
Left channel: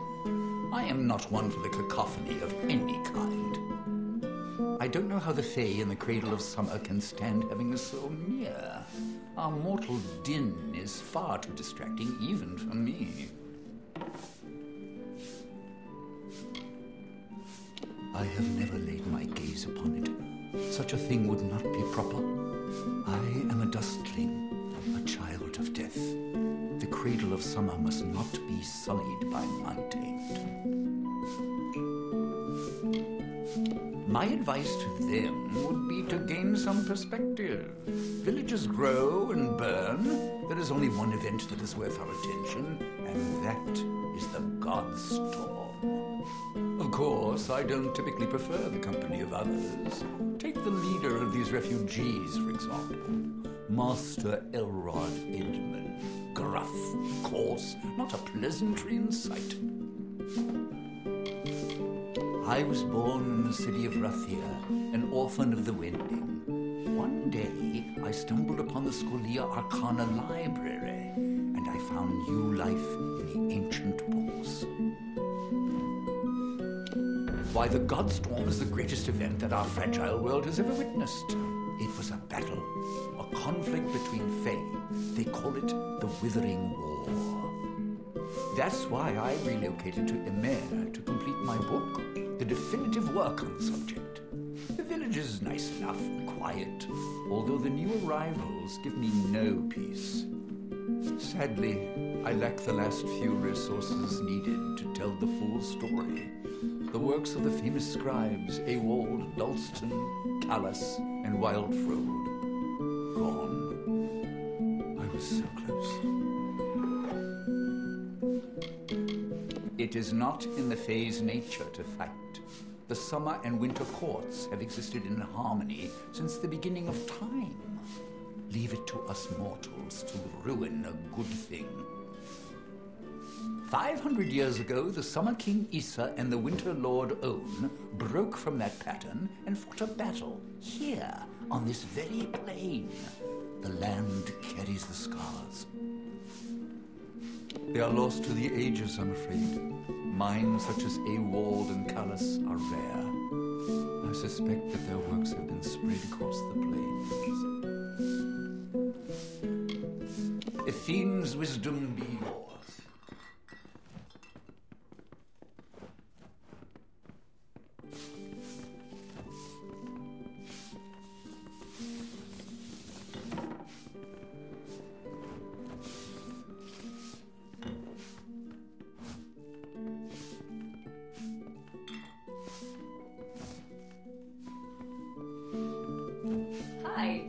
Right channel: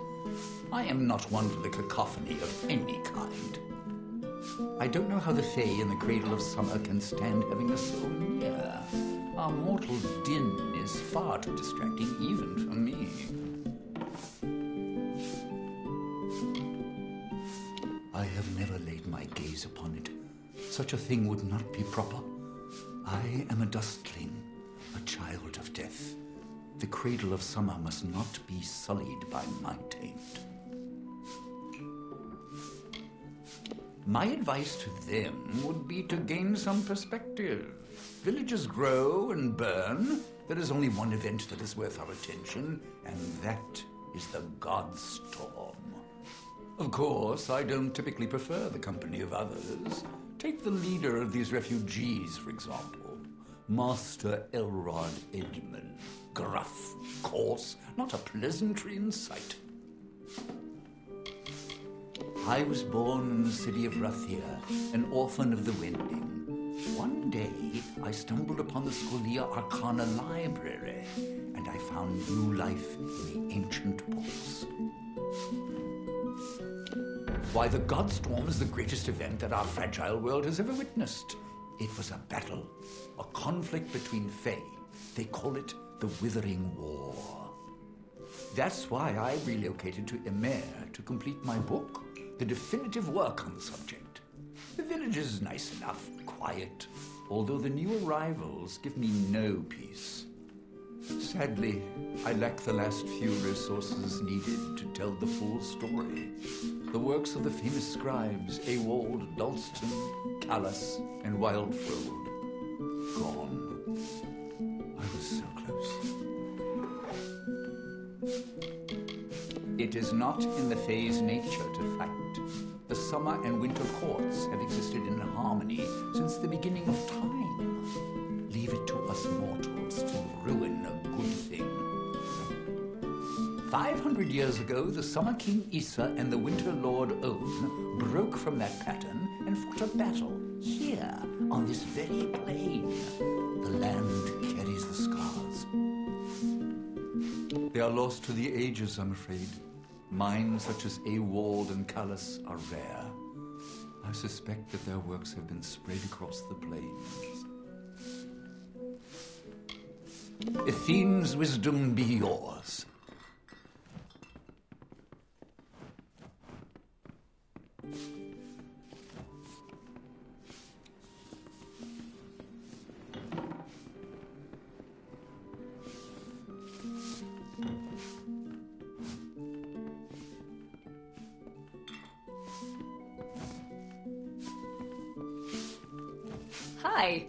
I am not one for the cacophony of any kind. I don't know how the Fae in the Cradle of Summer can stand having us so near. Our mortal din is far too distracting even for me. I have never laid my gaze upon it. Such a thing would not be proper. I am a dustling, a child of death. The Cradle of Summer must not be sullied by my taint. My advice to them would be to gain some perspective. Villages grow and burn. There is only one event that is worth our attention, and that is the God Storm. Of course, I don't typically prefer the company of others. Take the leader of these refugees, for example. Master Elrod Edmund. Gruff, coarse, not a pleasantry in sight. I was born in the city of Rathir, an orphan of the Wending. One day, I stumbled upon the Scholia Arcana library, and I found new life in the ancient books. Why, the Godstorm is the greatest event that our fragile world has ever witnessed. It was a battle, a conflict between Fae. They call it the Withering War. That's why I relocated to Emer to complete my book, the definitive work on the subject. The village is nice enough, quiet, although the new arrivals give me no peace. Sadly, I lack the last few resources needed to tell the full story. The works of the famous scribes Ewald, Dalston, Callas, and Wildfrode. Gone. I was so close. It is not in the Fae's nature to fight. The summer and winter courts have existed in harmony since the beginning of time. Leave it to us mortals to ruin a good thing. 500 years ago, the Summer King Issa and the Winter Lord On broke from that pattern and fought a battle here, on this very plain. The land carries the scars. They are lost to the ages, I'm afraid. Minds such as Ewald and Callas are rare. I suspect that their works have been spread across the plains. Athene's wisdom be yours. Hi.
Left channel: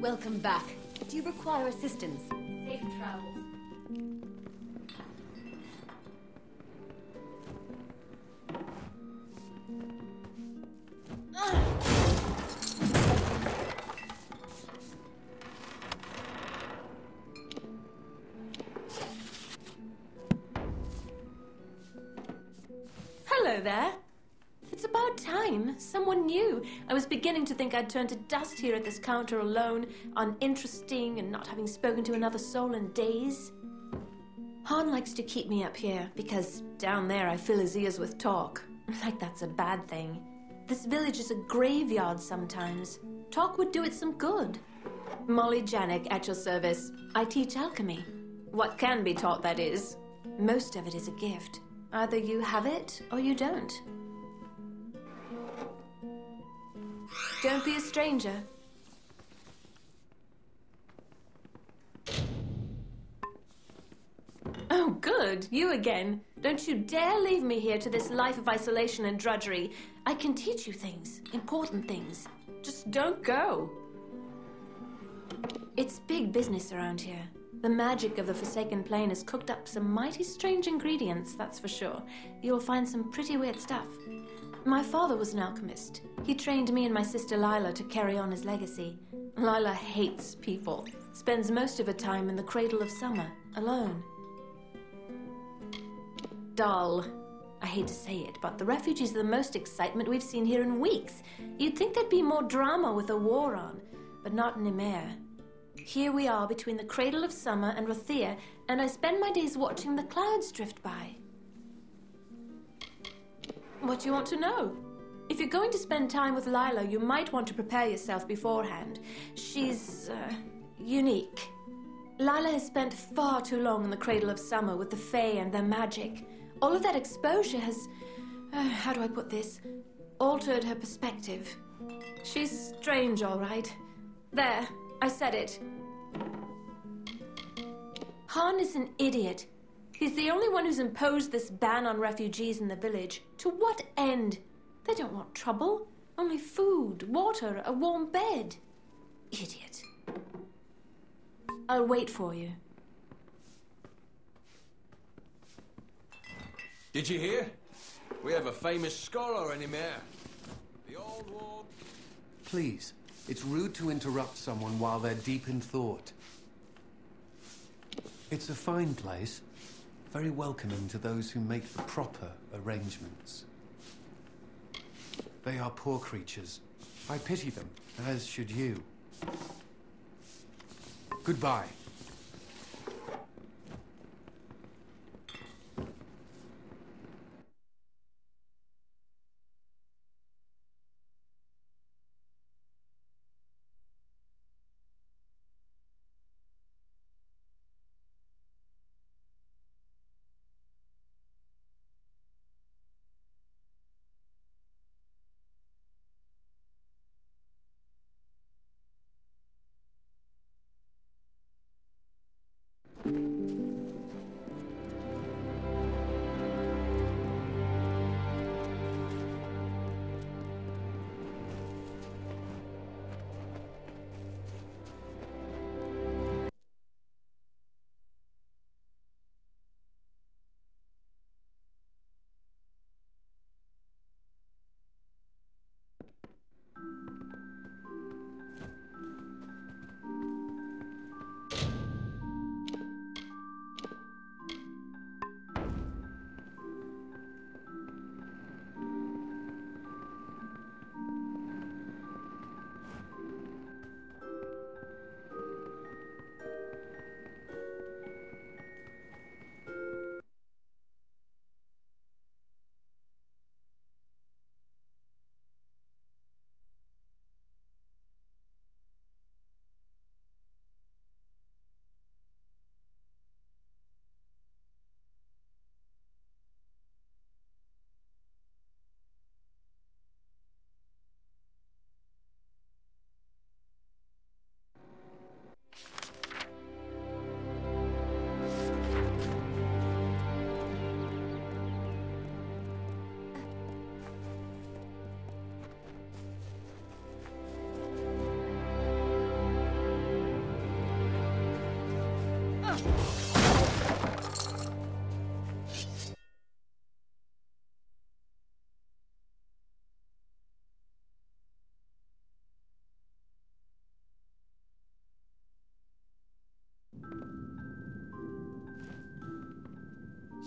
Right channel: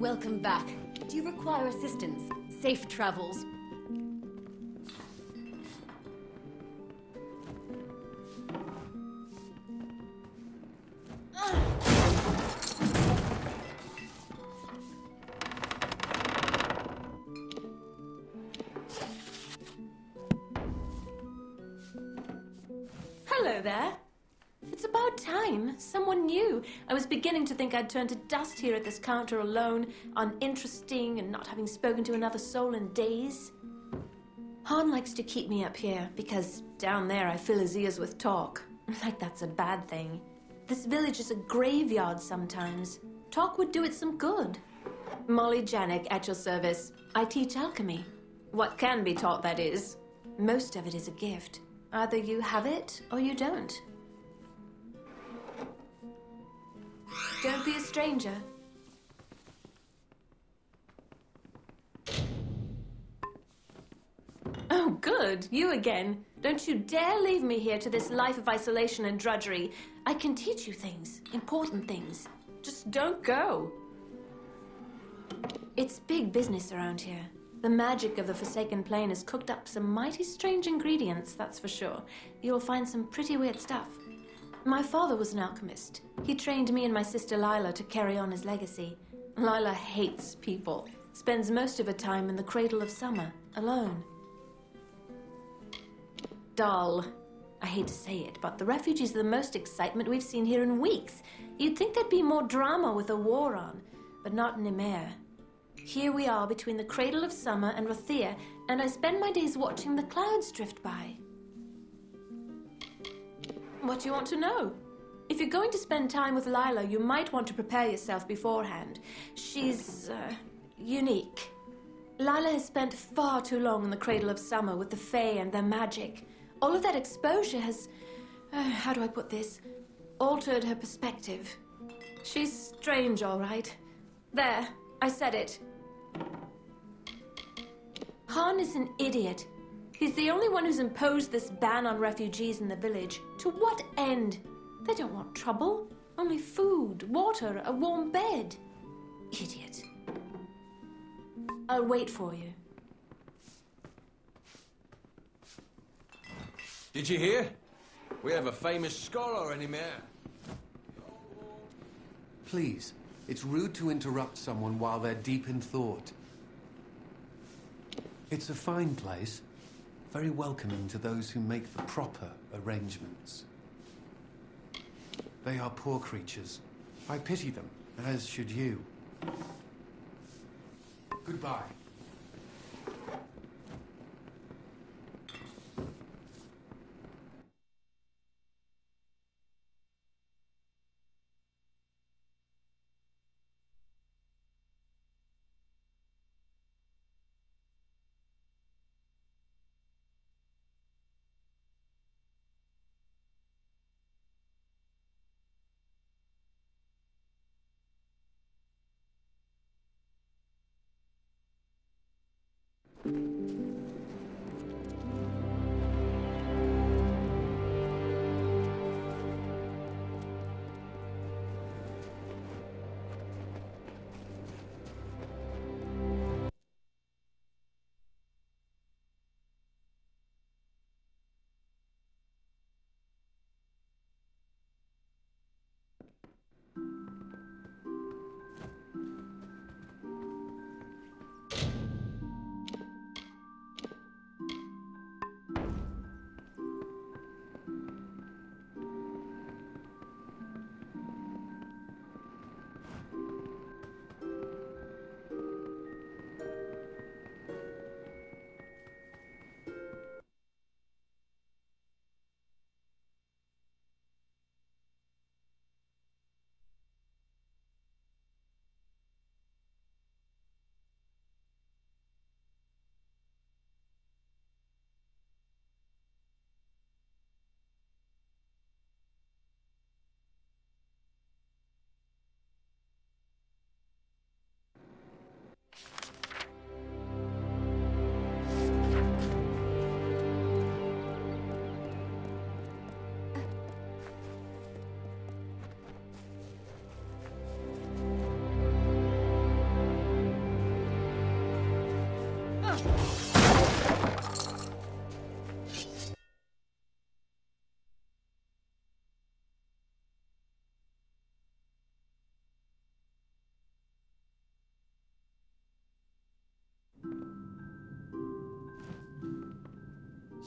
Welcome back. Do you require assistance? Safe travels. Hello there. It's about time. Someone new. I was beginning to think I'd turned to dust here at this counter alone, uninteresting and not having spoken to another soul in days. Han likes to keep me up here because down there I fill his ears with talk. Like that's a bad thing. This village is a graveyard sometimes. Talk would do it some good. Molly Janik at your service. I teach alchemy. What can be taught, that is. Most of it is a gift. Either you have it or you don't. Don't be a stranger. Oh, good. You again. Don't you dare leave me here to this life of isolation and drudgery. I can teach you things. Important things. Just don't go. It's big business around here. The magic of the Forsaken Plain has cooked up some mighty strange ingredients, that's for sure. You'll find some pretty weird stuff. My father was an alchemist. He trained me and my sister Lila to carry on his legacy. Lila hates people. Spends most of her time in the cradle of summer, alone. Dull. I hate to say it, but the refugees are the most excitement we've seen here in weeks. You'd think there'd be more drama with a war on, but not in Ymir. Here we are between the cradle of summer and Rothir, and I spend my days watching the clouds drift by. What do you want to know? If you're going to spend time with Lila, you might want to prepare yourself beforehand. She's, unique. Lila has spent far too long in the cradle of summer with the Fae and their magic. All of that exposure has, how do I put this, altered her perspective. She's strange, all right. There, I said it. Han is an idiot. He's the only one who's imposed this ban on refugees in the village. To what end? They don't want trouble. Only food, water, a warm bed. Idiot. I'll wait for you. Did you hear? We have a famous scholar already there. The old war. Please, it's rude to interrupt someone while they're deep in thought. It's a fine place. Very welcoming to those who make the proper arrangements. They are poor creatures. I pity them, as should you. Goodbye.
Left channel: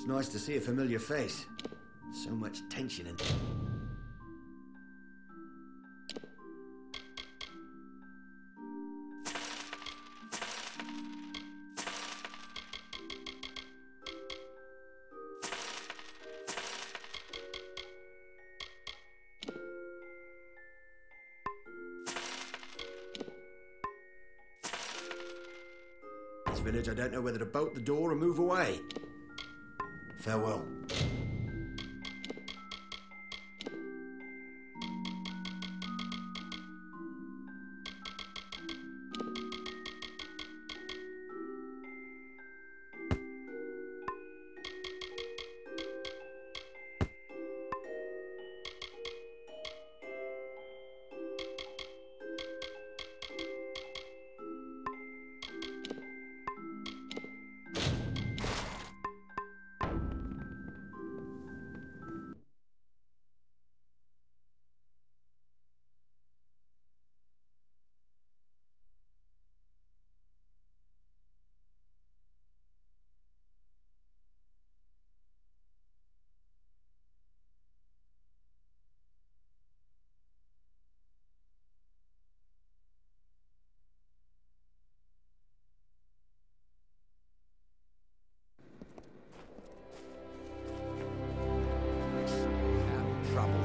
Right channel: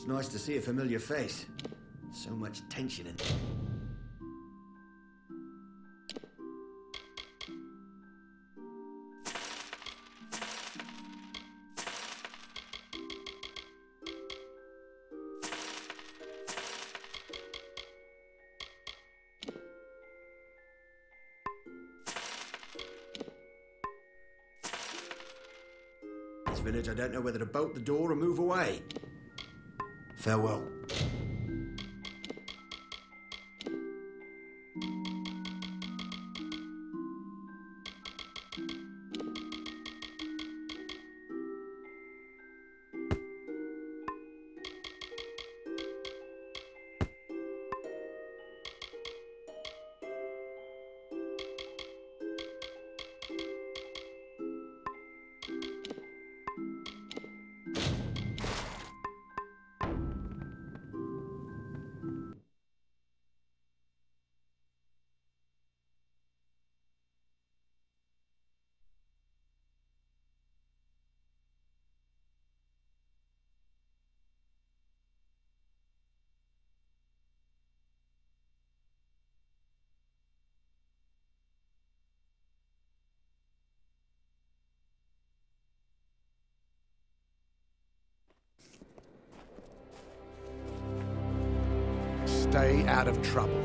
It's nice to see a familiar face. So much tension in... This village, I don't know whether to bolt the door or move away. Farewell. Stay out of trouble.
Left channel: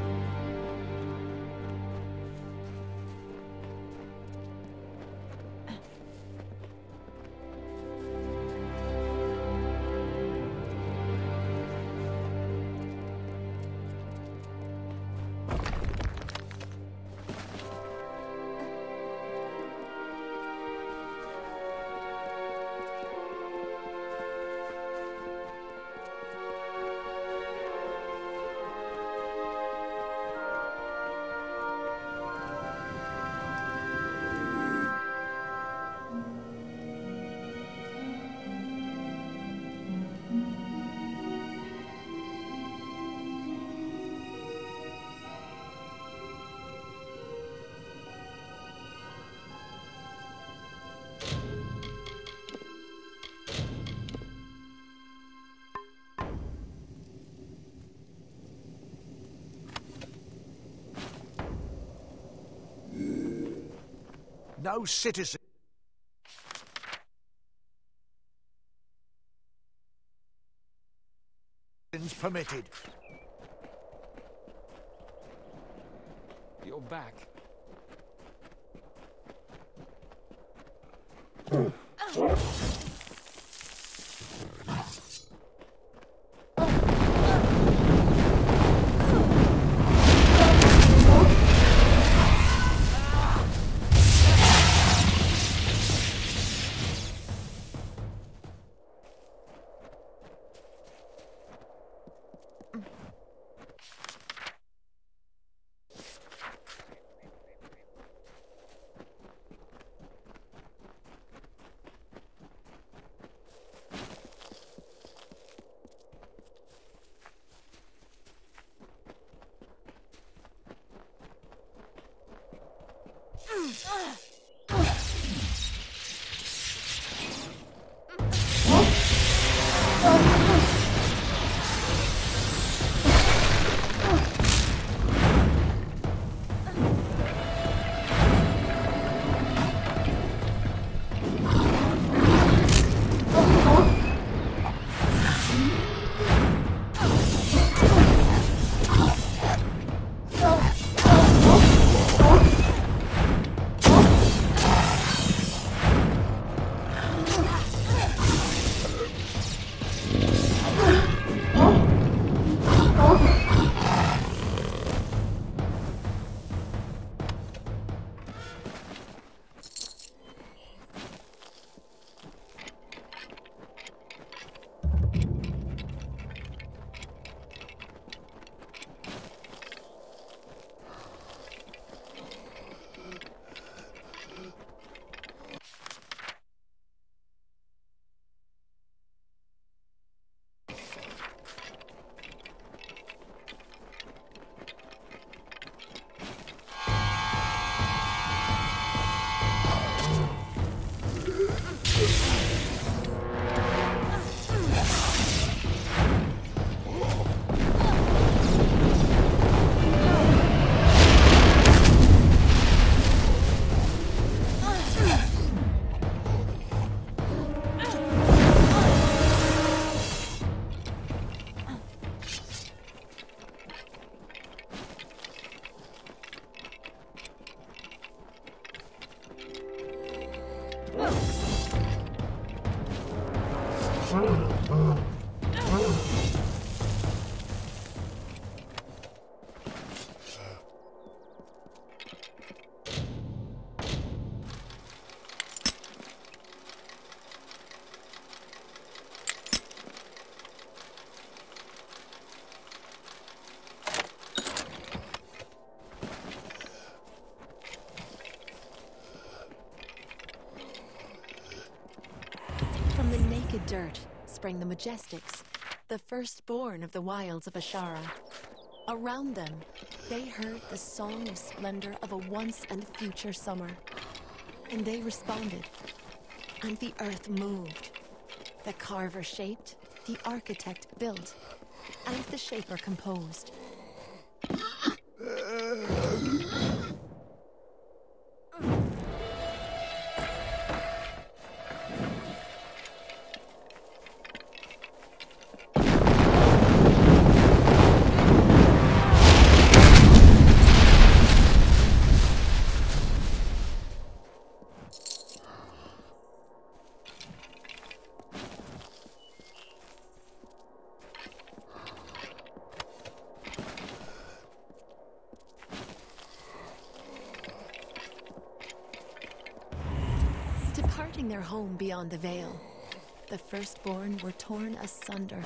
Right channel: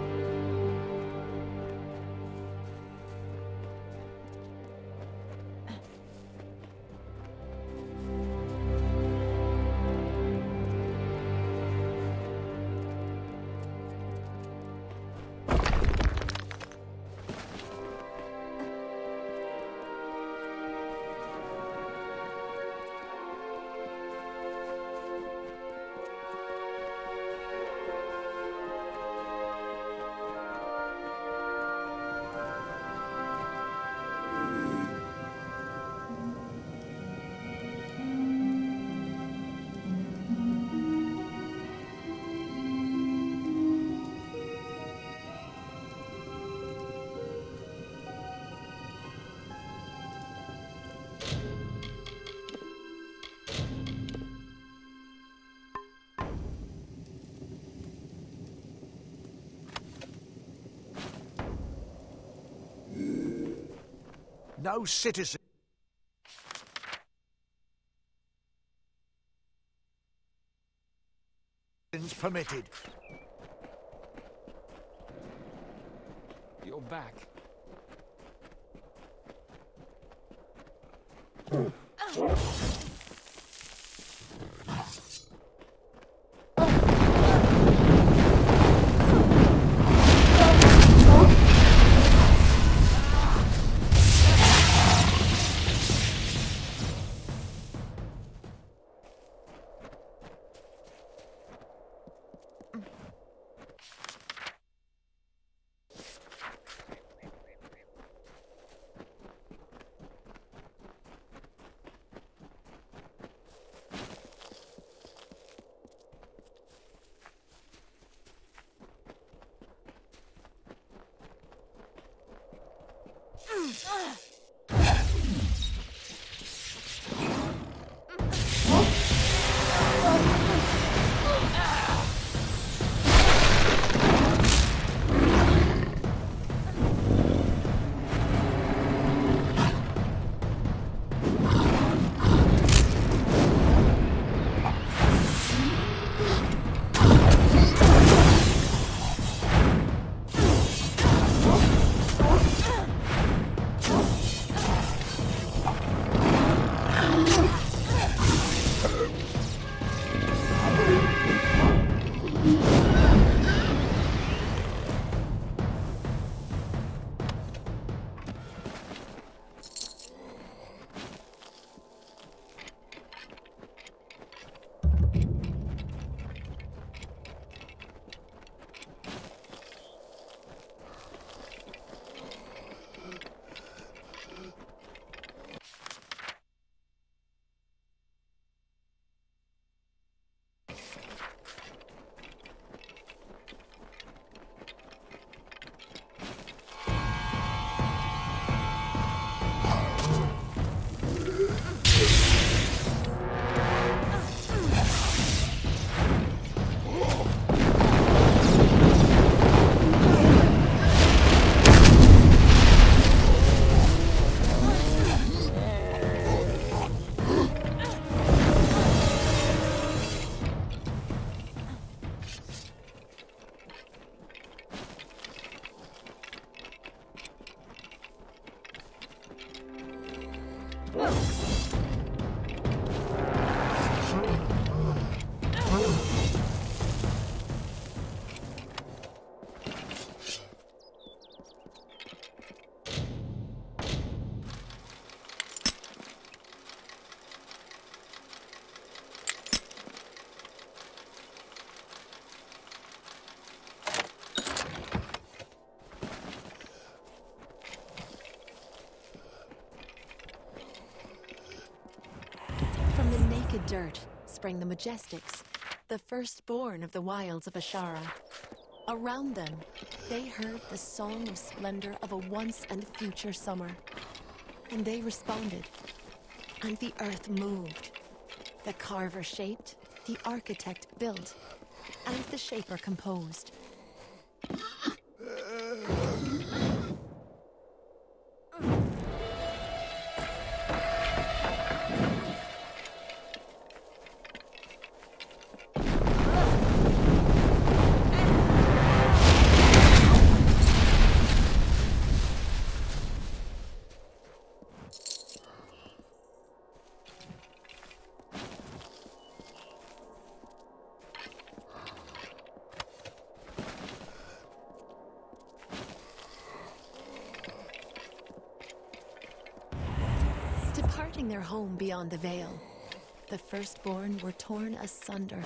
From the naked dirt sprang the Majestics, the firstborn of the wilds of Ashara. Around them, they heard the song of splendor of a once and future summer. And they responded. And the earth moved. The carver shaped, the architect built, and the shaper composed. Departing their home beyond the veil, the firstborn were torn asunder,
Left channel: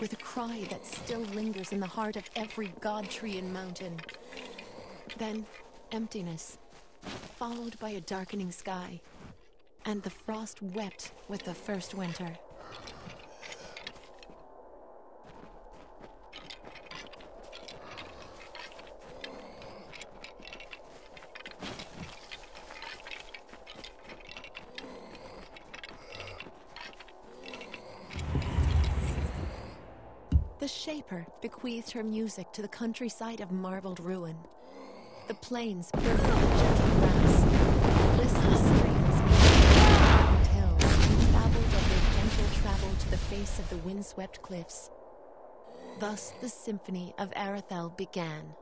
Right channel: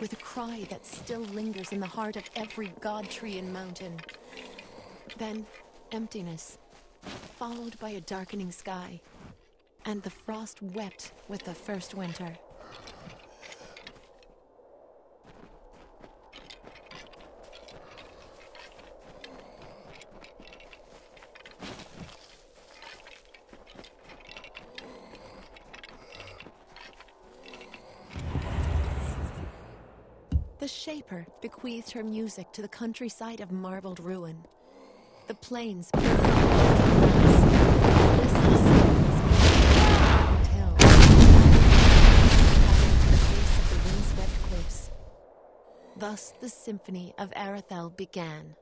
with a cry that still lingers in the heart of every god tree and mountain. Then, emptiness, followed by a darkening sky, and the frost wept with the first winter. The Shaper bequeathed her music to the countryside of marbled ruin. The plains burned with gentle grass. Listless streams moved hills, traveled to the face of the windswept cliffs. Thus the symphony of Arethel began.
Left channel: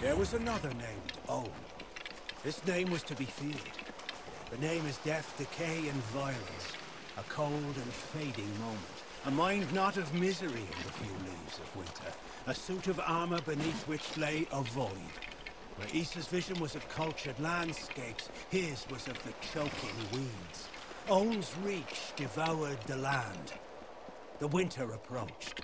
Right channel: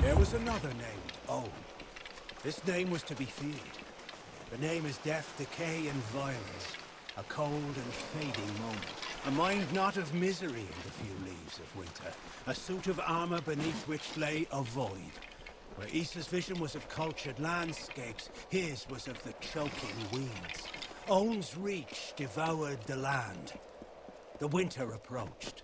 There was another named Own. This name was to be feared. The name is death, decay, and violence. A cold and fading moment. A mind not of misery in the few leaves of winter. A suit of armor beneath which lay a void. Where Issa's vision was of cultured landscapes, his was of the choking weeds. Own's reach devoured the land. The winter approached.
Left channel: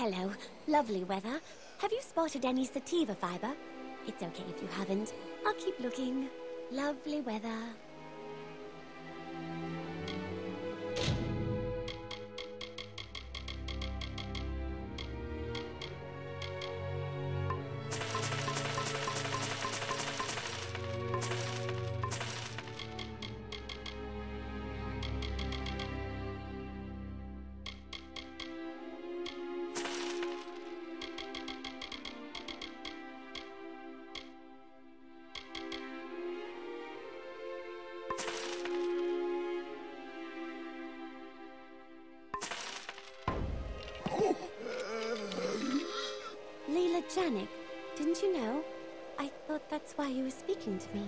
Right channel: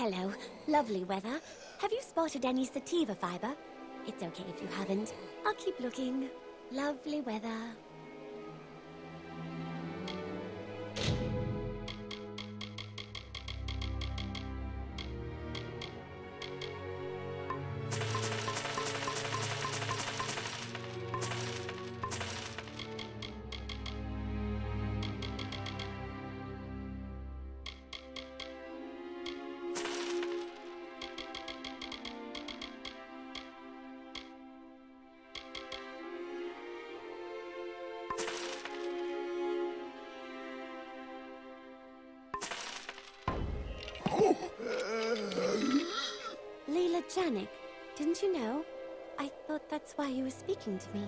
hello. Lovely weather. Have you spotted any sativa fiber? It's okay if you haven't. I'll keep looking. Lovely weather. Janik, didn't you know? I thought that's why you were speaking to me.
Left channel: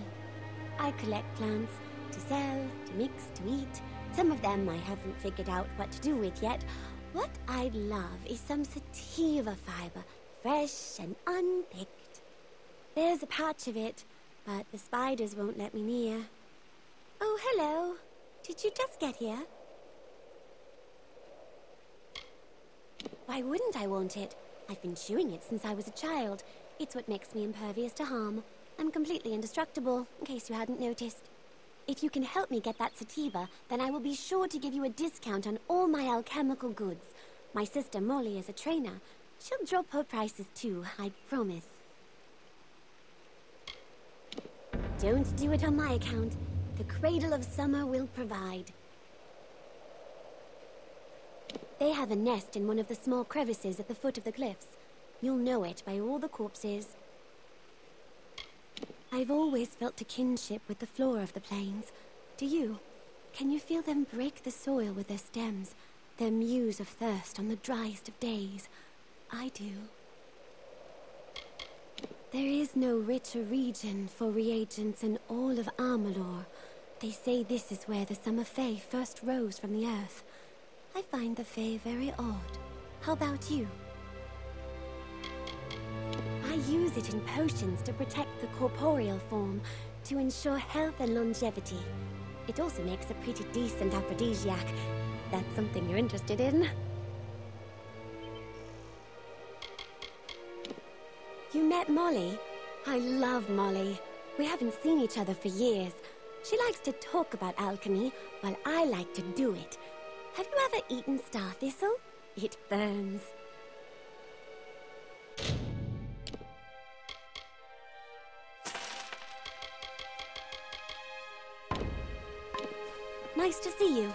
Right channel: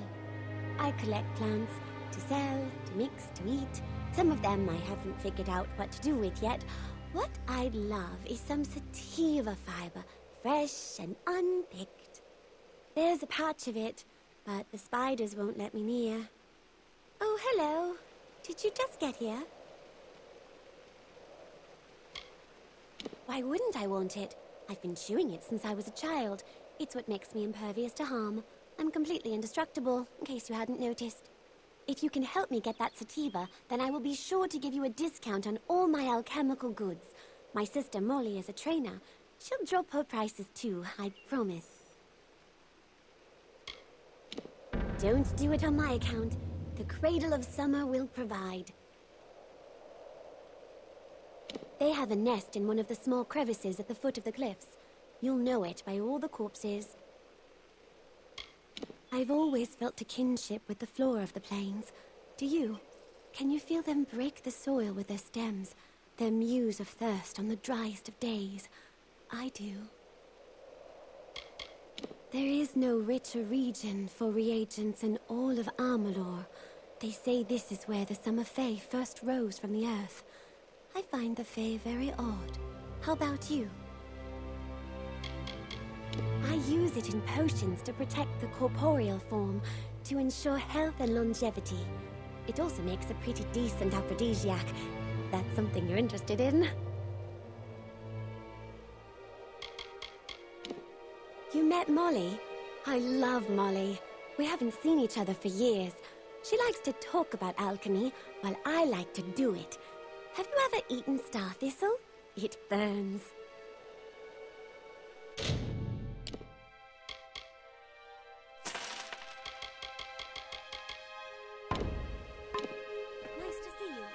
I collect plants to sell, to mix, to eat. Some of them I haven't figured out what to do with yet. What I'd love is some sativa fiber, fresh and unpicked. There's a patch of it, but the spiders won't let me near. Oh, hello. Did you just get here? Why wouldn't I want it? I've been chewing it since I was a child. It's what makes me impervious to harm. I'm completely indestructible, in case you hadn't noticed. If you can help me get that sativa, then I will be sure to give you a discount on all my alchemical goods. My sister Molly is a trainer. She'll drop her prices too, I promise. Don't do it on my account. The Cradle of Summer will provide. They have a nest in one of the small crevices at the foot of the cliffs. You'll know it by all the corpses. I've always felt a kinship with the flora of the plains. Do you? Can you feel them break the soil with their stems, their muse of thirst on the driest of days? I do. There is no richer region for reagents in all of Amalur. They say this is where the summer fae first rose from the earth. I find the fae very odd. How about you? I use it in potions to protect the corporeal form, to ensure health and longevity. It also makes a pretty decent aphrodisiac. That's something you're interested in. You met Molly? I love Molly. We haven't seen each other for years. She likes to talk about alchemy, while I like to do it. Have you ever eaten star thistle? It burns. Nice to see you.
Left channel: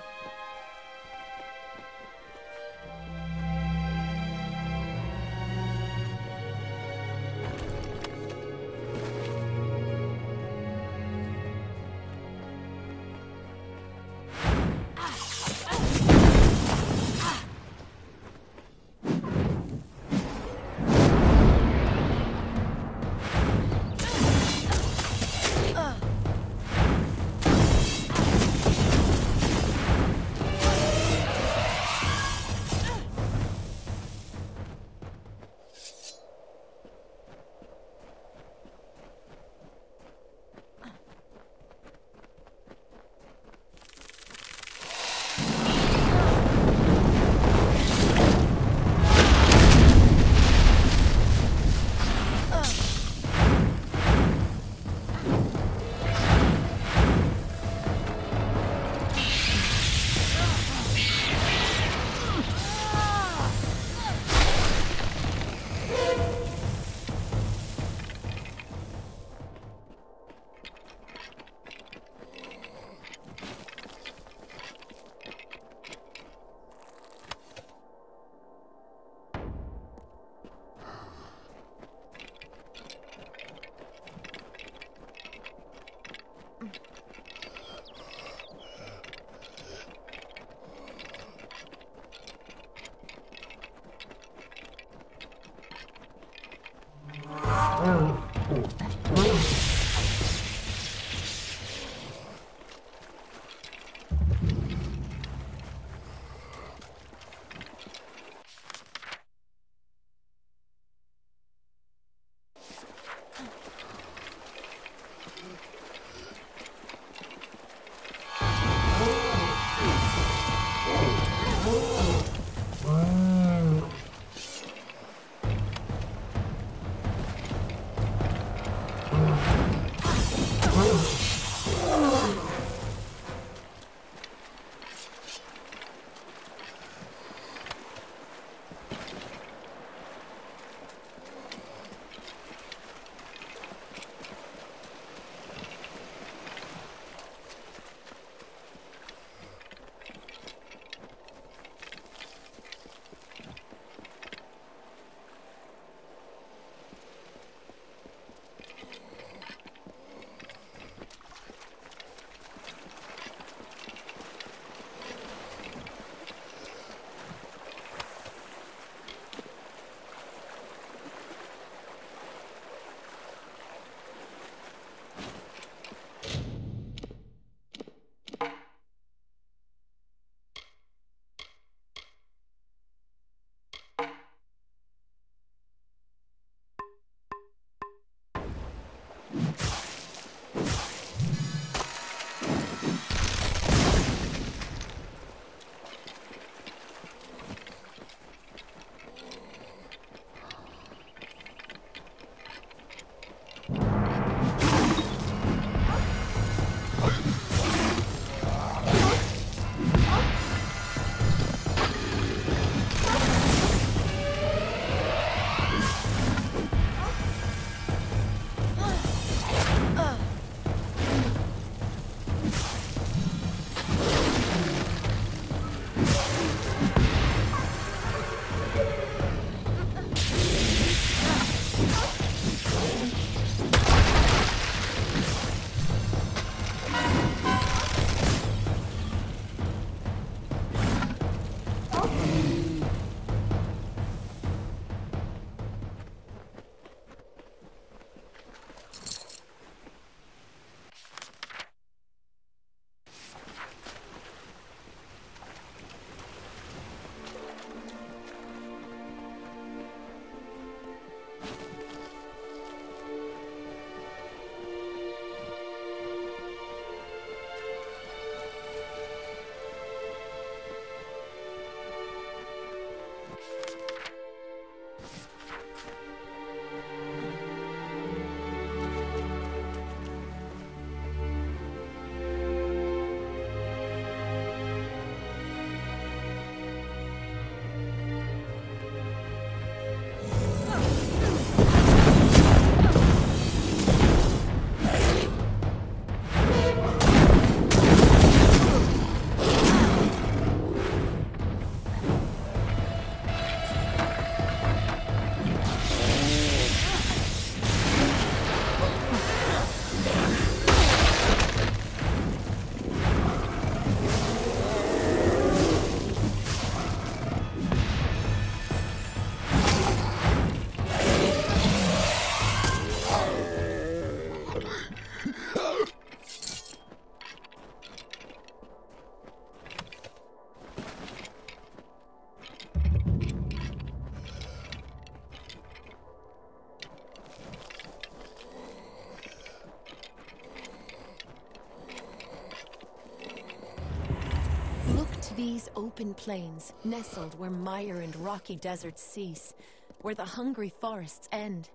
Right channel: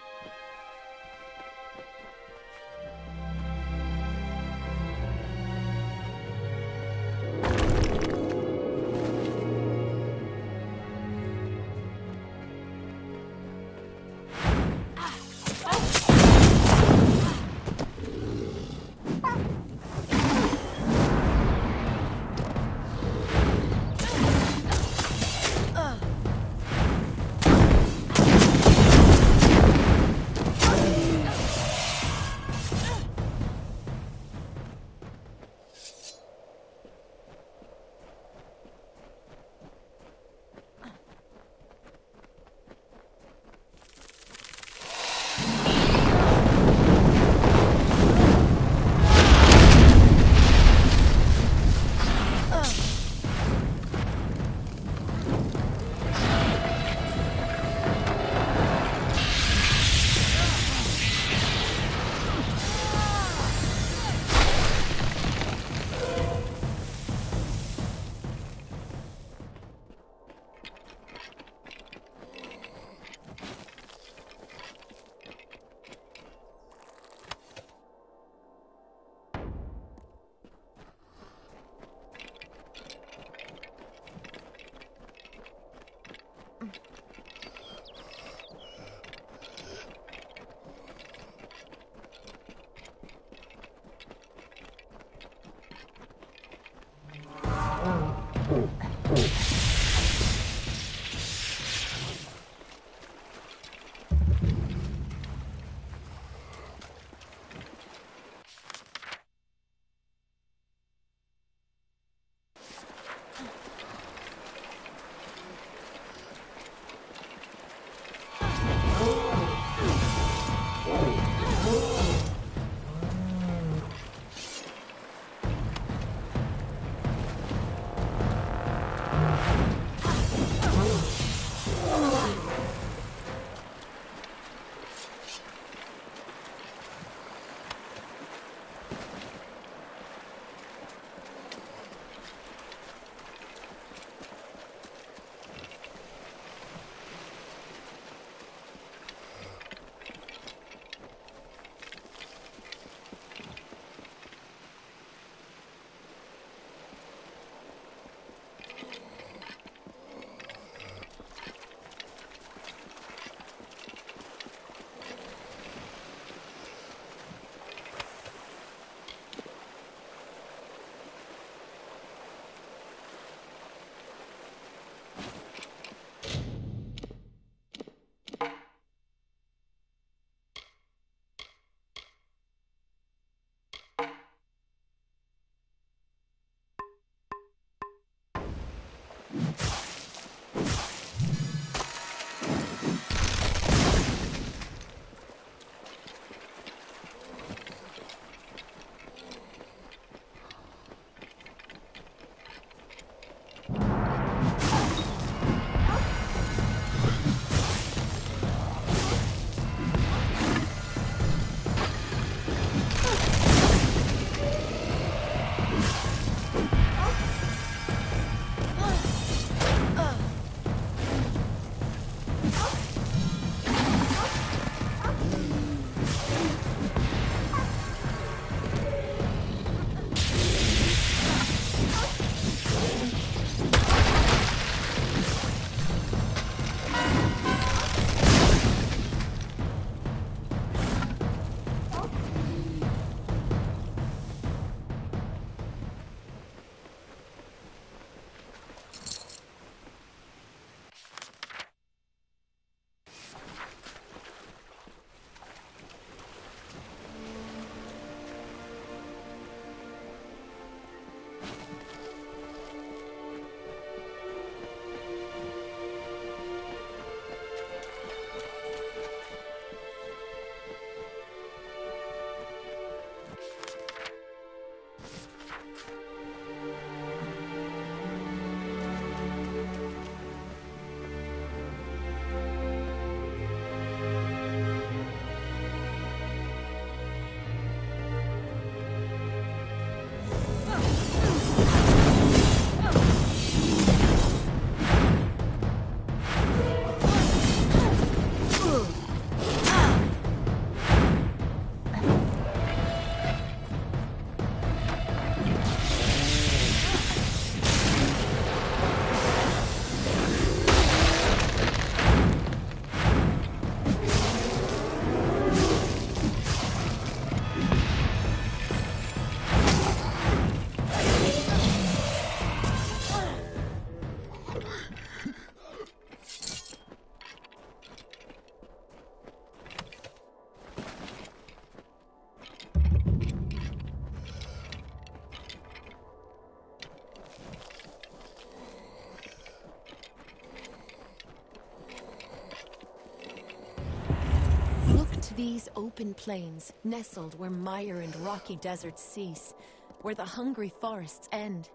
To these open plains, nestled where mire and rocky deserts cease, where the hungry forests end.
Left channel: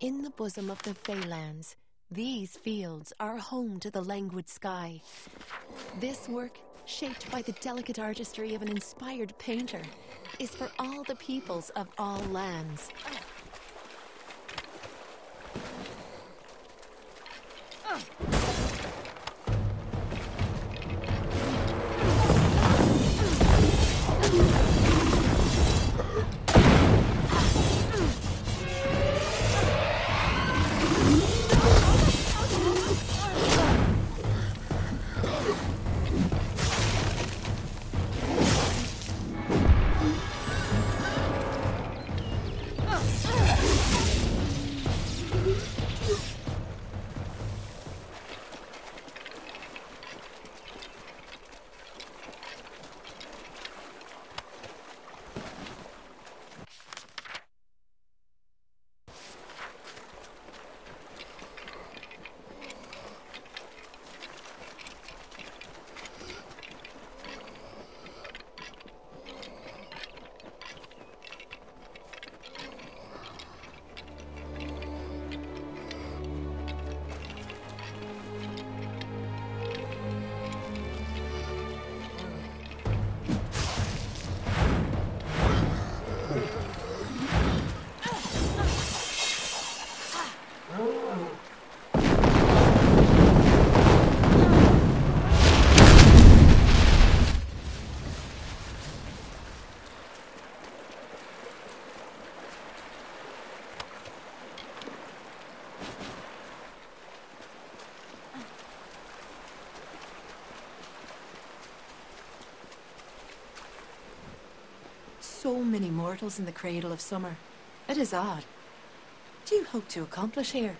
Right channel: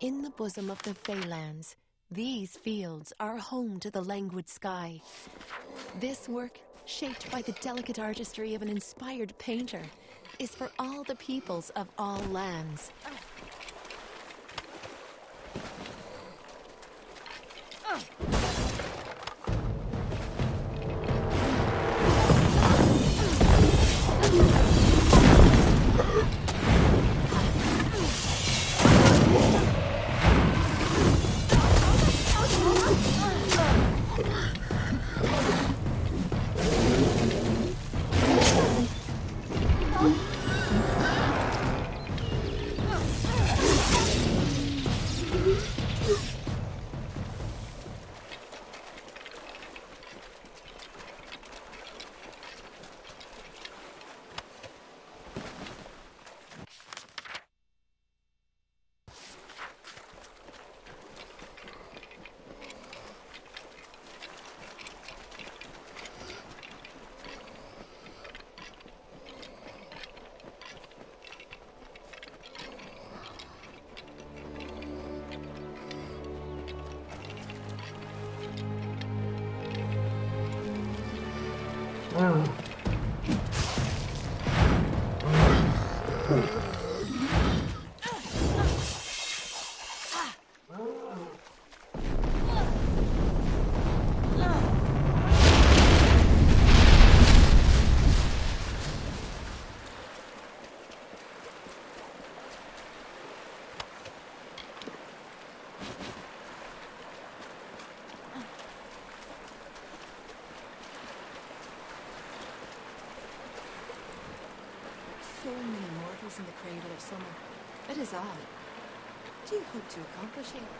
In the bosom of the Feylands, these fields are home to the languid sky. This work, shaped by the delicate artistry of an inspired painter, is for all the peoples of all lands. So many mortals in the cradle of summer. It is odd. What do you hope to accomplish here?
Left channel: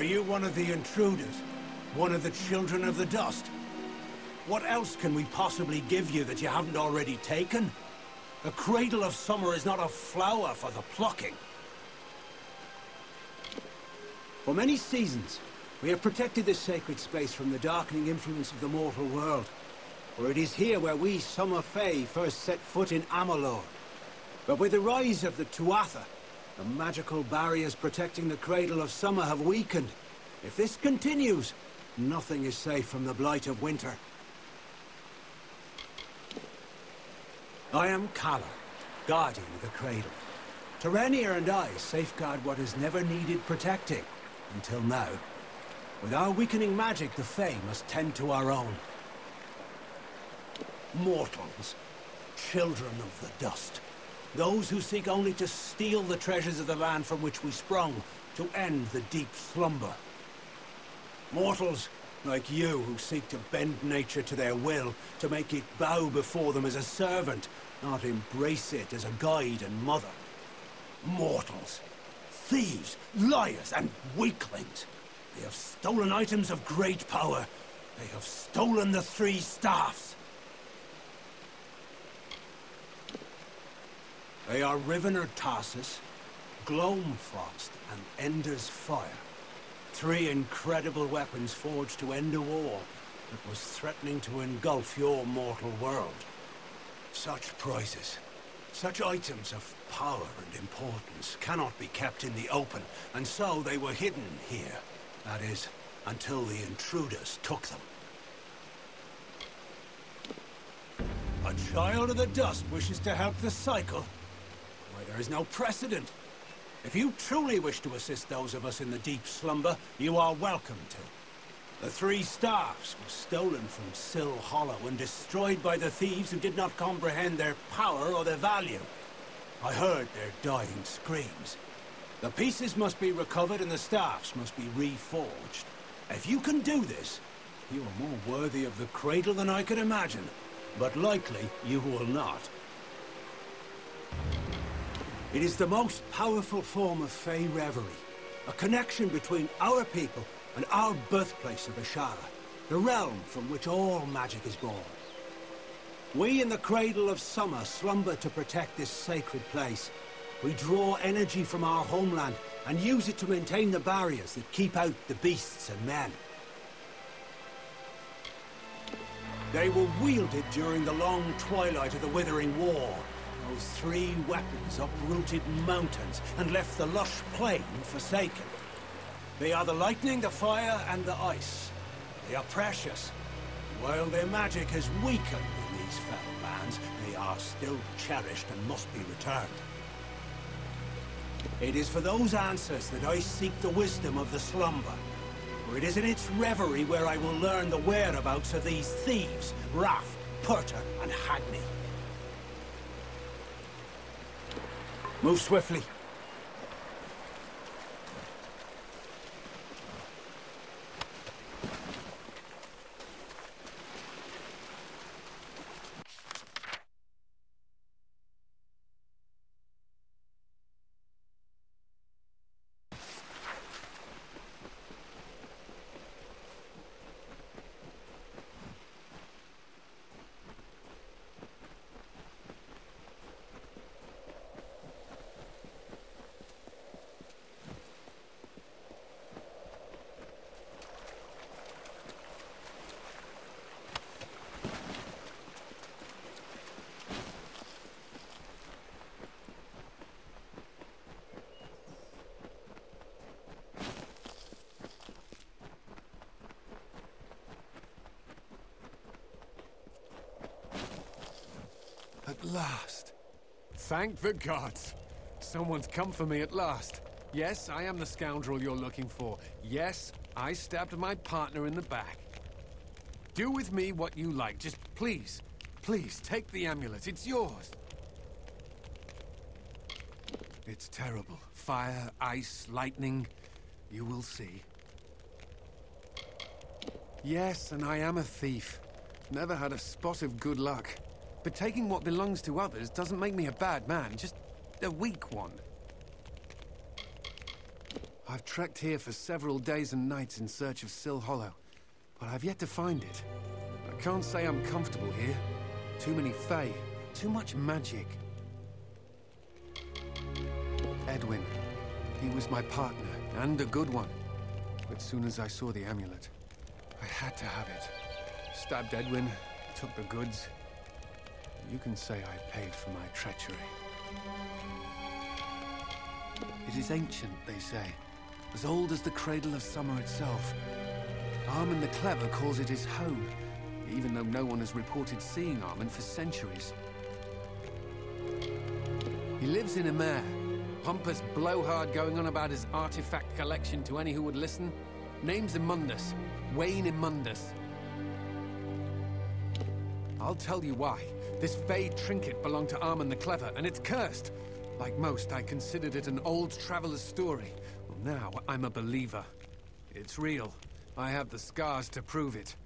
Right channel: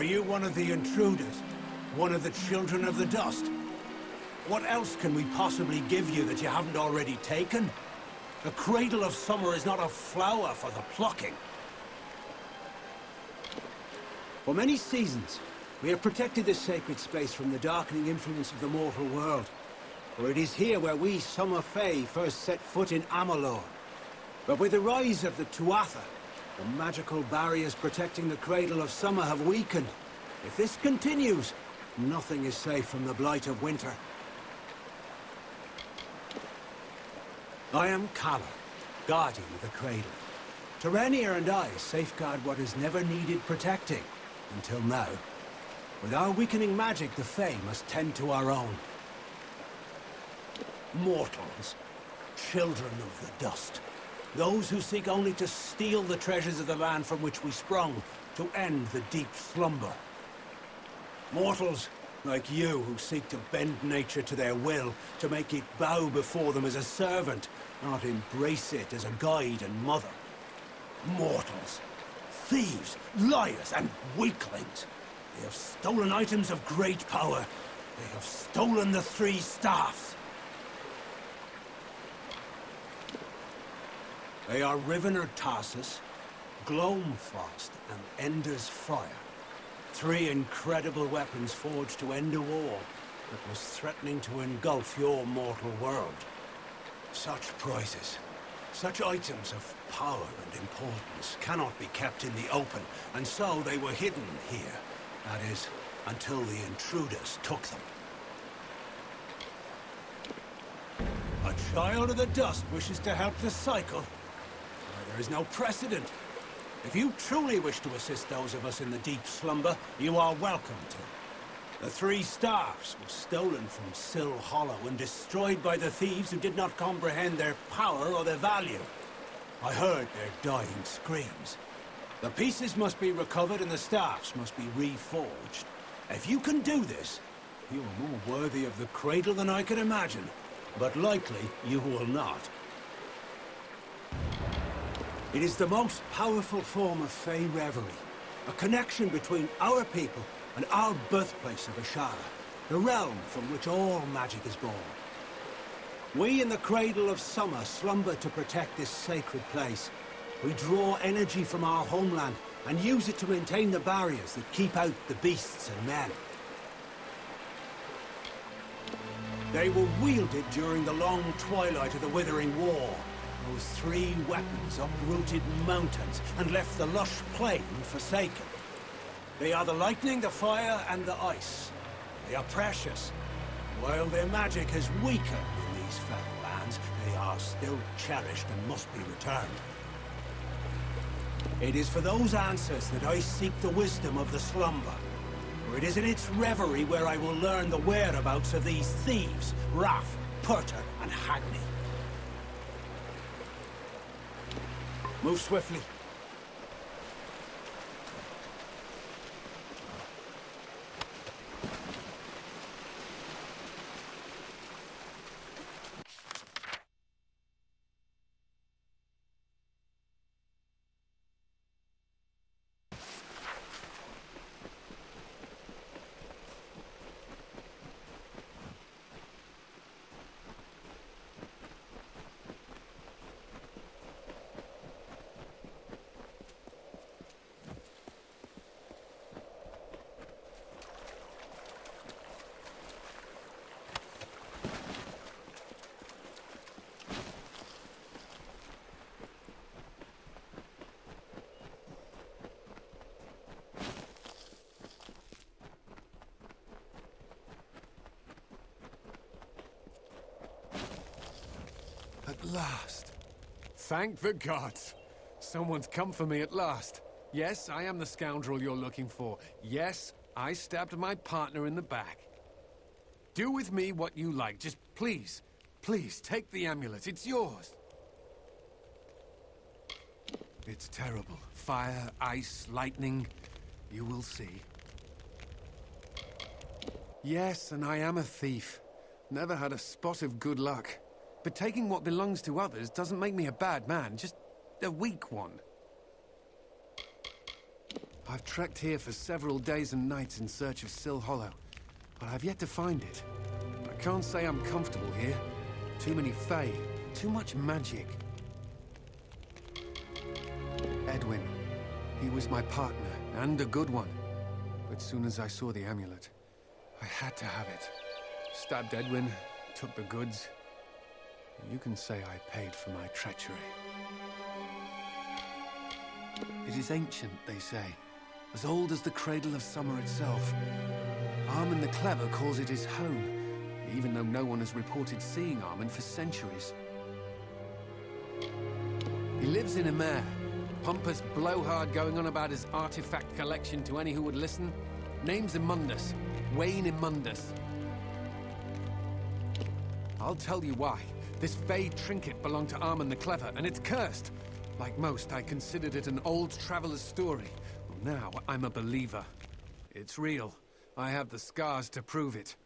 Are you one of the intruders? One of the children of the dust? What else can we possibly give you that you haven't already taken? The cradle of summer is not a flower for the plucking. For many seasons, we have protected this sacred space from the darkening influence of the mortal world. For it is here where we Summer Fae first set foot in Amalur. But with the rise of the Tuatha, the magical barriers protecting the cradle of summer have weakened. If this continues, nothing is safe from the blight of winter. I am Kalar, guardian of the cradle. Terenia and I safeguard what has never needed protecting, until now. With our weakening magic, the Fae must tend to our own. Mortals, children of the dust. Those who seek only to steal the treasures of the land from which we sprung, to end the deep slumber. Mortals, like you, who seek to bend nature to their will, to make it bow before them as a servant, not embrace it as a guide and mother. Mortals, Thieves, liars, and weaklings. They have stolen items of great power. They have stolen the 3 staffs. They are Rivener Tarsus, Gloamfrost, and Ender's Fire. 3 incredible weapons forged to end a war that was threatening to engulf your mortal world. Such prizes, such items of power and importance cannot be kept in the open, and so they were hidden here. That is, until the intruders took them. A child of the dust wishes to help the cycle? Why, there is no precedent. If you truly wish to assist those of us in the deep slumber, you are welcome to. The 3 staffs were stolen from Sill Hollow and destroyed by the thieves who did not comprehend their power or their value. I heard their dying screams. The pieces must be recovered and the staffs must be reforged. If you can do this, you are more worthy of the cradle than I could imagine. But likely, you will not. It is the most powerful form of Fey reverie. A connection between our people and our birthplace of Ashara, the realm from which all magic is born. We in the Cradle of Summer slumber to protect this sacred place. We draw energy from our homeland and use it to maintain the barriers that keep out the beasts and men. They were wielded during the long twilight of the Withering War. Those 3 weapons uprooted mountains and left the lush plain forsaken. They are the lightning, the fire, and the ice. They are precious. While their magic has weakened in these fell lands, they are still cherished and must be returned. It is for those answers that I seek the wisdom of the slumber. For it is in its reverie where I will learn the whereabouts of these thieves, Raff, Purta, and Hagney. Move swiftly. At last. Thank the gods. Someone's come for me at last. Yes, I am the scoundrel you're looking for. Yes, I stabbed my partner in the back. Do with me what you like. Just please, please, take the amulet. It's yours. It's terrible. Fire, ice, lightning. You will see. Yes, and I am a thief. Never had a spot of good luck. But taking what belongs to others doesn't make me a bad man, just a weak one. I've trekked here for several days and nights in search of Sill Hollow, but I've yet to find it. I can't say I'm comfortable here. Too many Fey, too much magic. Edwin. He was my partner, and a good one. But soon as I saw the amulet, I had to have it. Stabbed Edwin, took the goods. You can say I paid for my treachery. It is ancient, they say. As old as the Cradle of Summer itself. Armen the Clever calls it his home, even though no one has reported seeing Armen for centuries. He lives in Amer. Pompous blowhard going on about his artifact collection to any who would listen. Name's Imundus. Wayne Imundus. I'll tell you why. This Fey trinket belonged to Armen the Clever, and it's cursed. Like most, I considered it an old traveler's story. Well, now I'm a believer. It's real. I have the scars to prove it.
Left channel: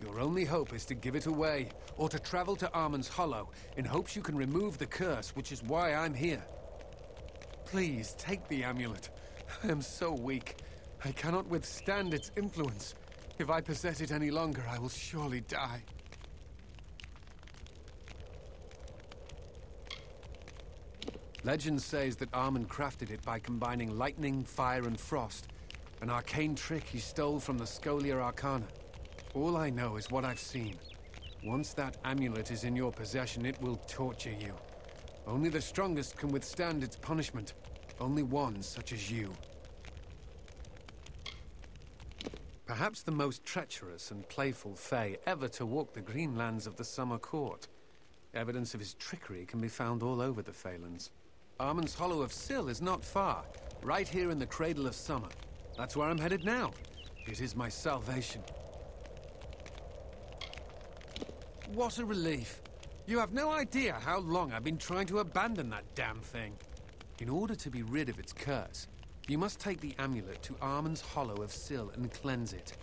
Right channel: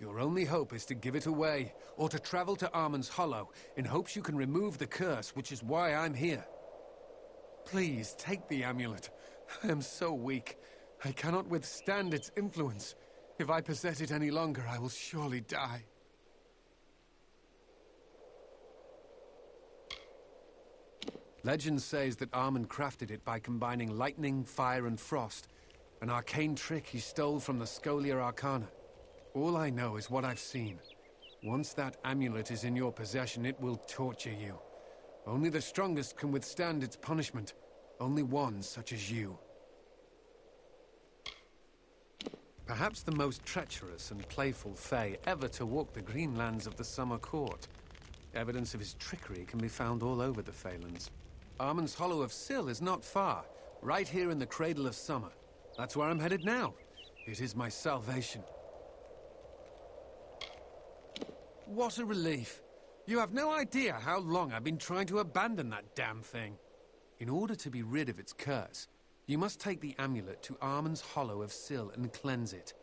Your only hope is to give it away, or to travel to Armen's Hollow, in hopes you can remove the curse, which is why I'm here. Please, take the amulet. I am so weak. I cannot withstand its influence. If I possess it any longer, I will surely die. Legend says that Armand crafted it by combining lightning, fire, and frost. An arcane trick he stole from the Scholia Arcana. All I know is what I've seen. Once that amulet is in your possession, it will torture you. Only the strongest can withstand its punishment. Only one such as you. Perhaps the most treacherous and playful Fae ever to walk the green lands of the Summer Court. Evidence of his trickery can be found all over the Phalanx. Armand's Hollow of Syl is not far, right here in the Cradle of Summer. That's where I'm headed now. It is my salvation. What a relief. You have no idea how long I've been trying to abandon that damn thing. In order to be rid of its curse, you must take the amulet to Armand's Hollow of Syl and cleanse it.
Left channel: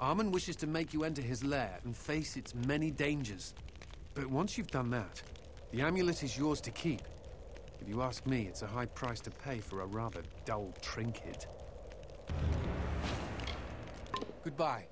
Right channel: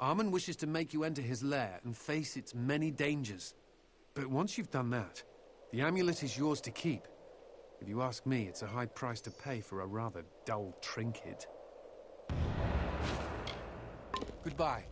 Armand wishes to make you enter his lair and face its many dangers. But once you've done that, the amulet is yours to keep. If you ask me, it's a high price to pay for a rather dull trinket. Goodbye.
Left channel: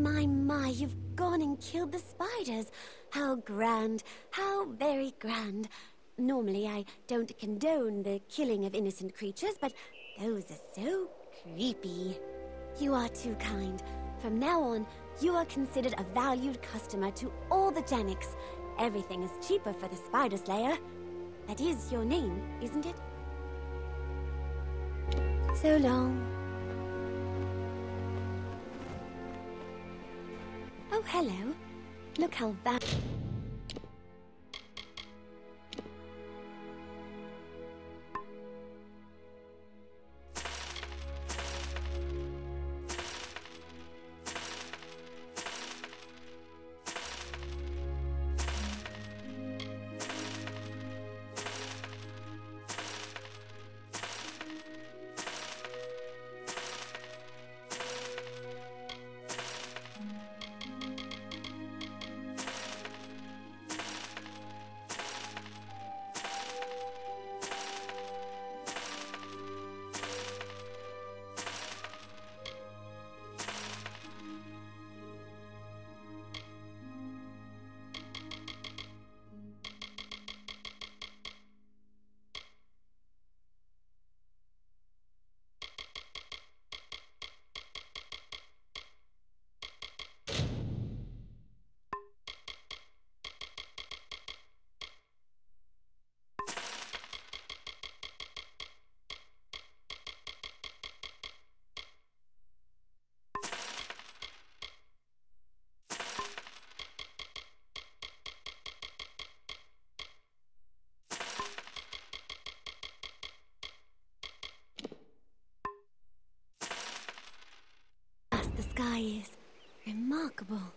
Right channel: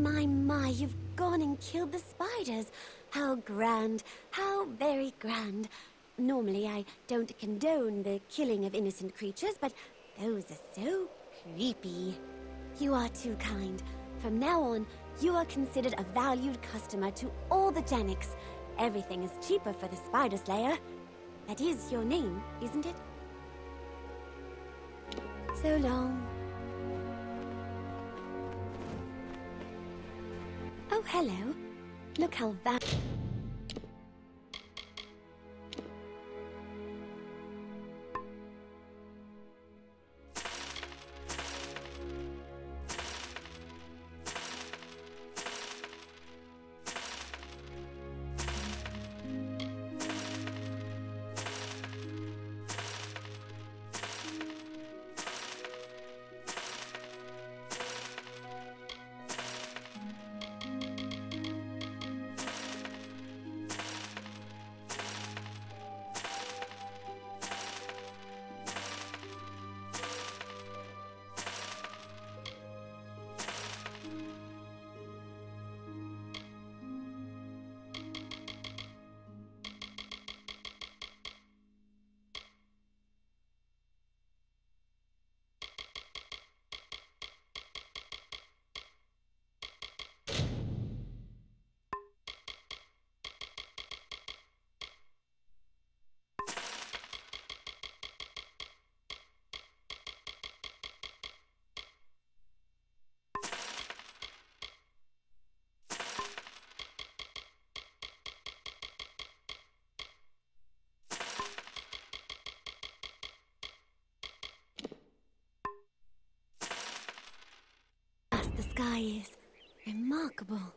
My, you've gone and killed the spiders. How grand, how very grand. Normally I don't condone the killing of innocent creatures, but those are so creepy. You are too kind. From now on, you are considered a valued customer to all the Janiks. Everything is cheaper for the Spider Slayer. That is your name, isn't it? So long. Oh, hello. Look how the sky is. Remarkable.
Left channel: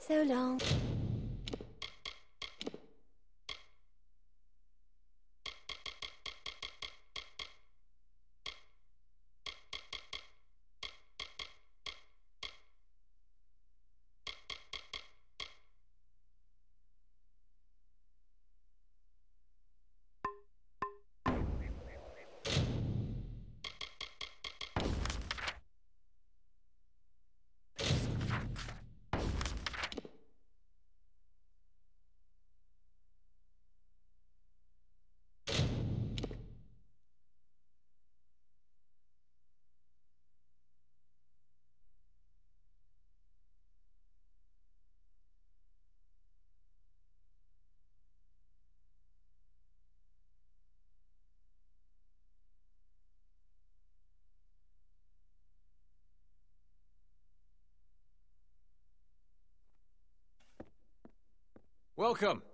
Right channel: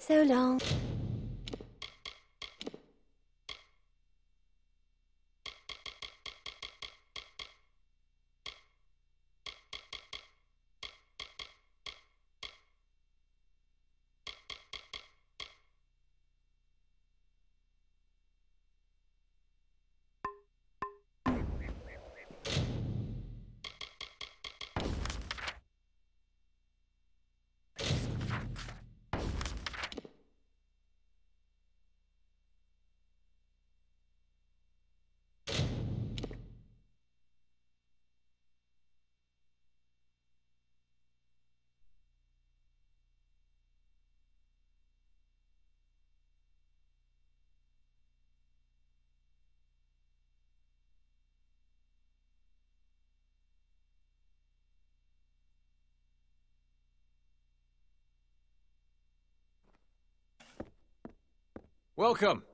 So long. Welcome.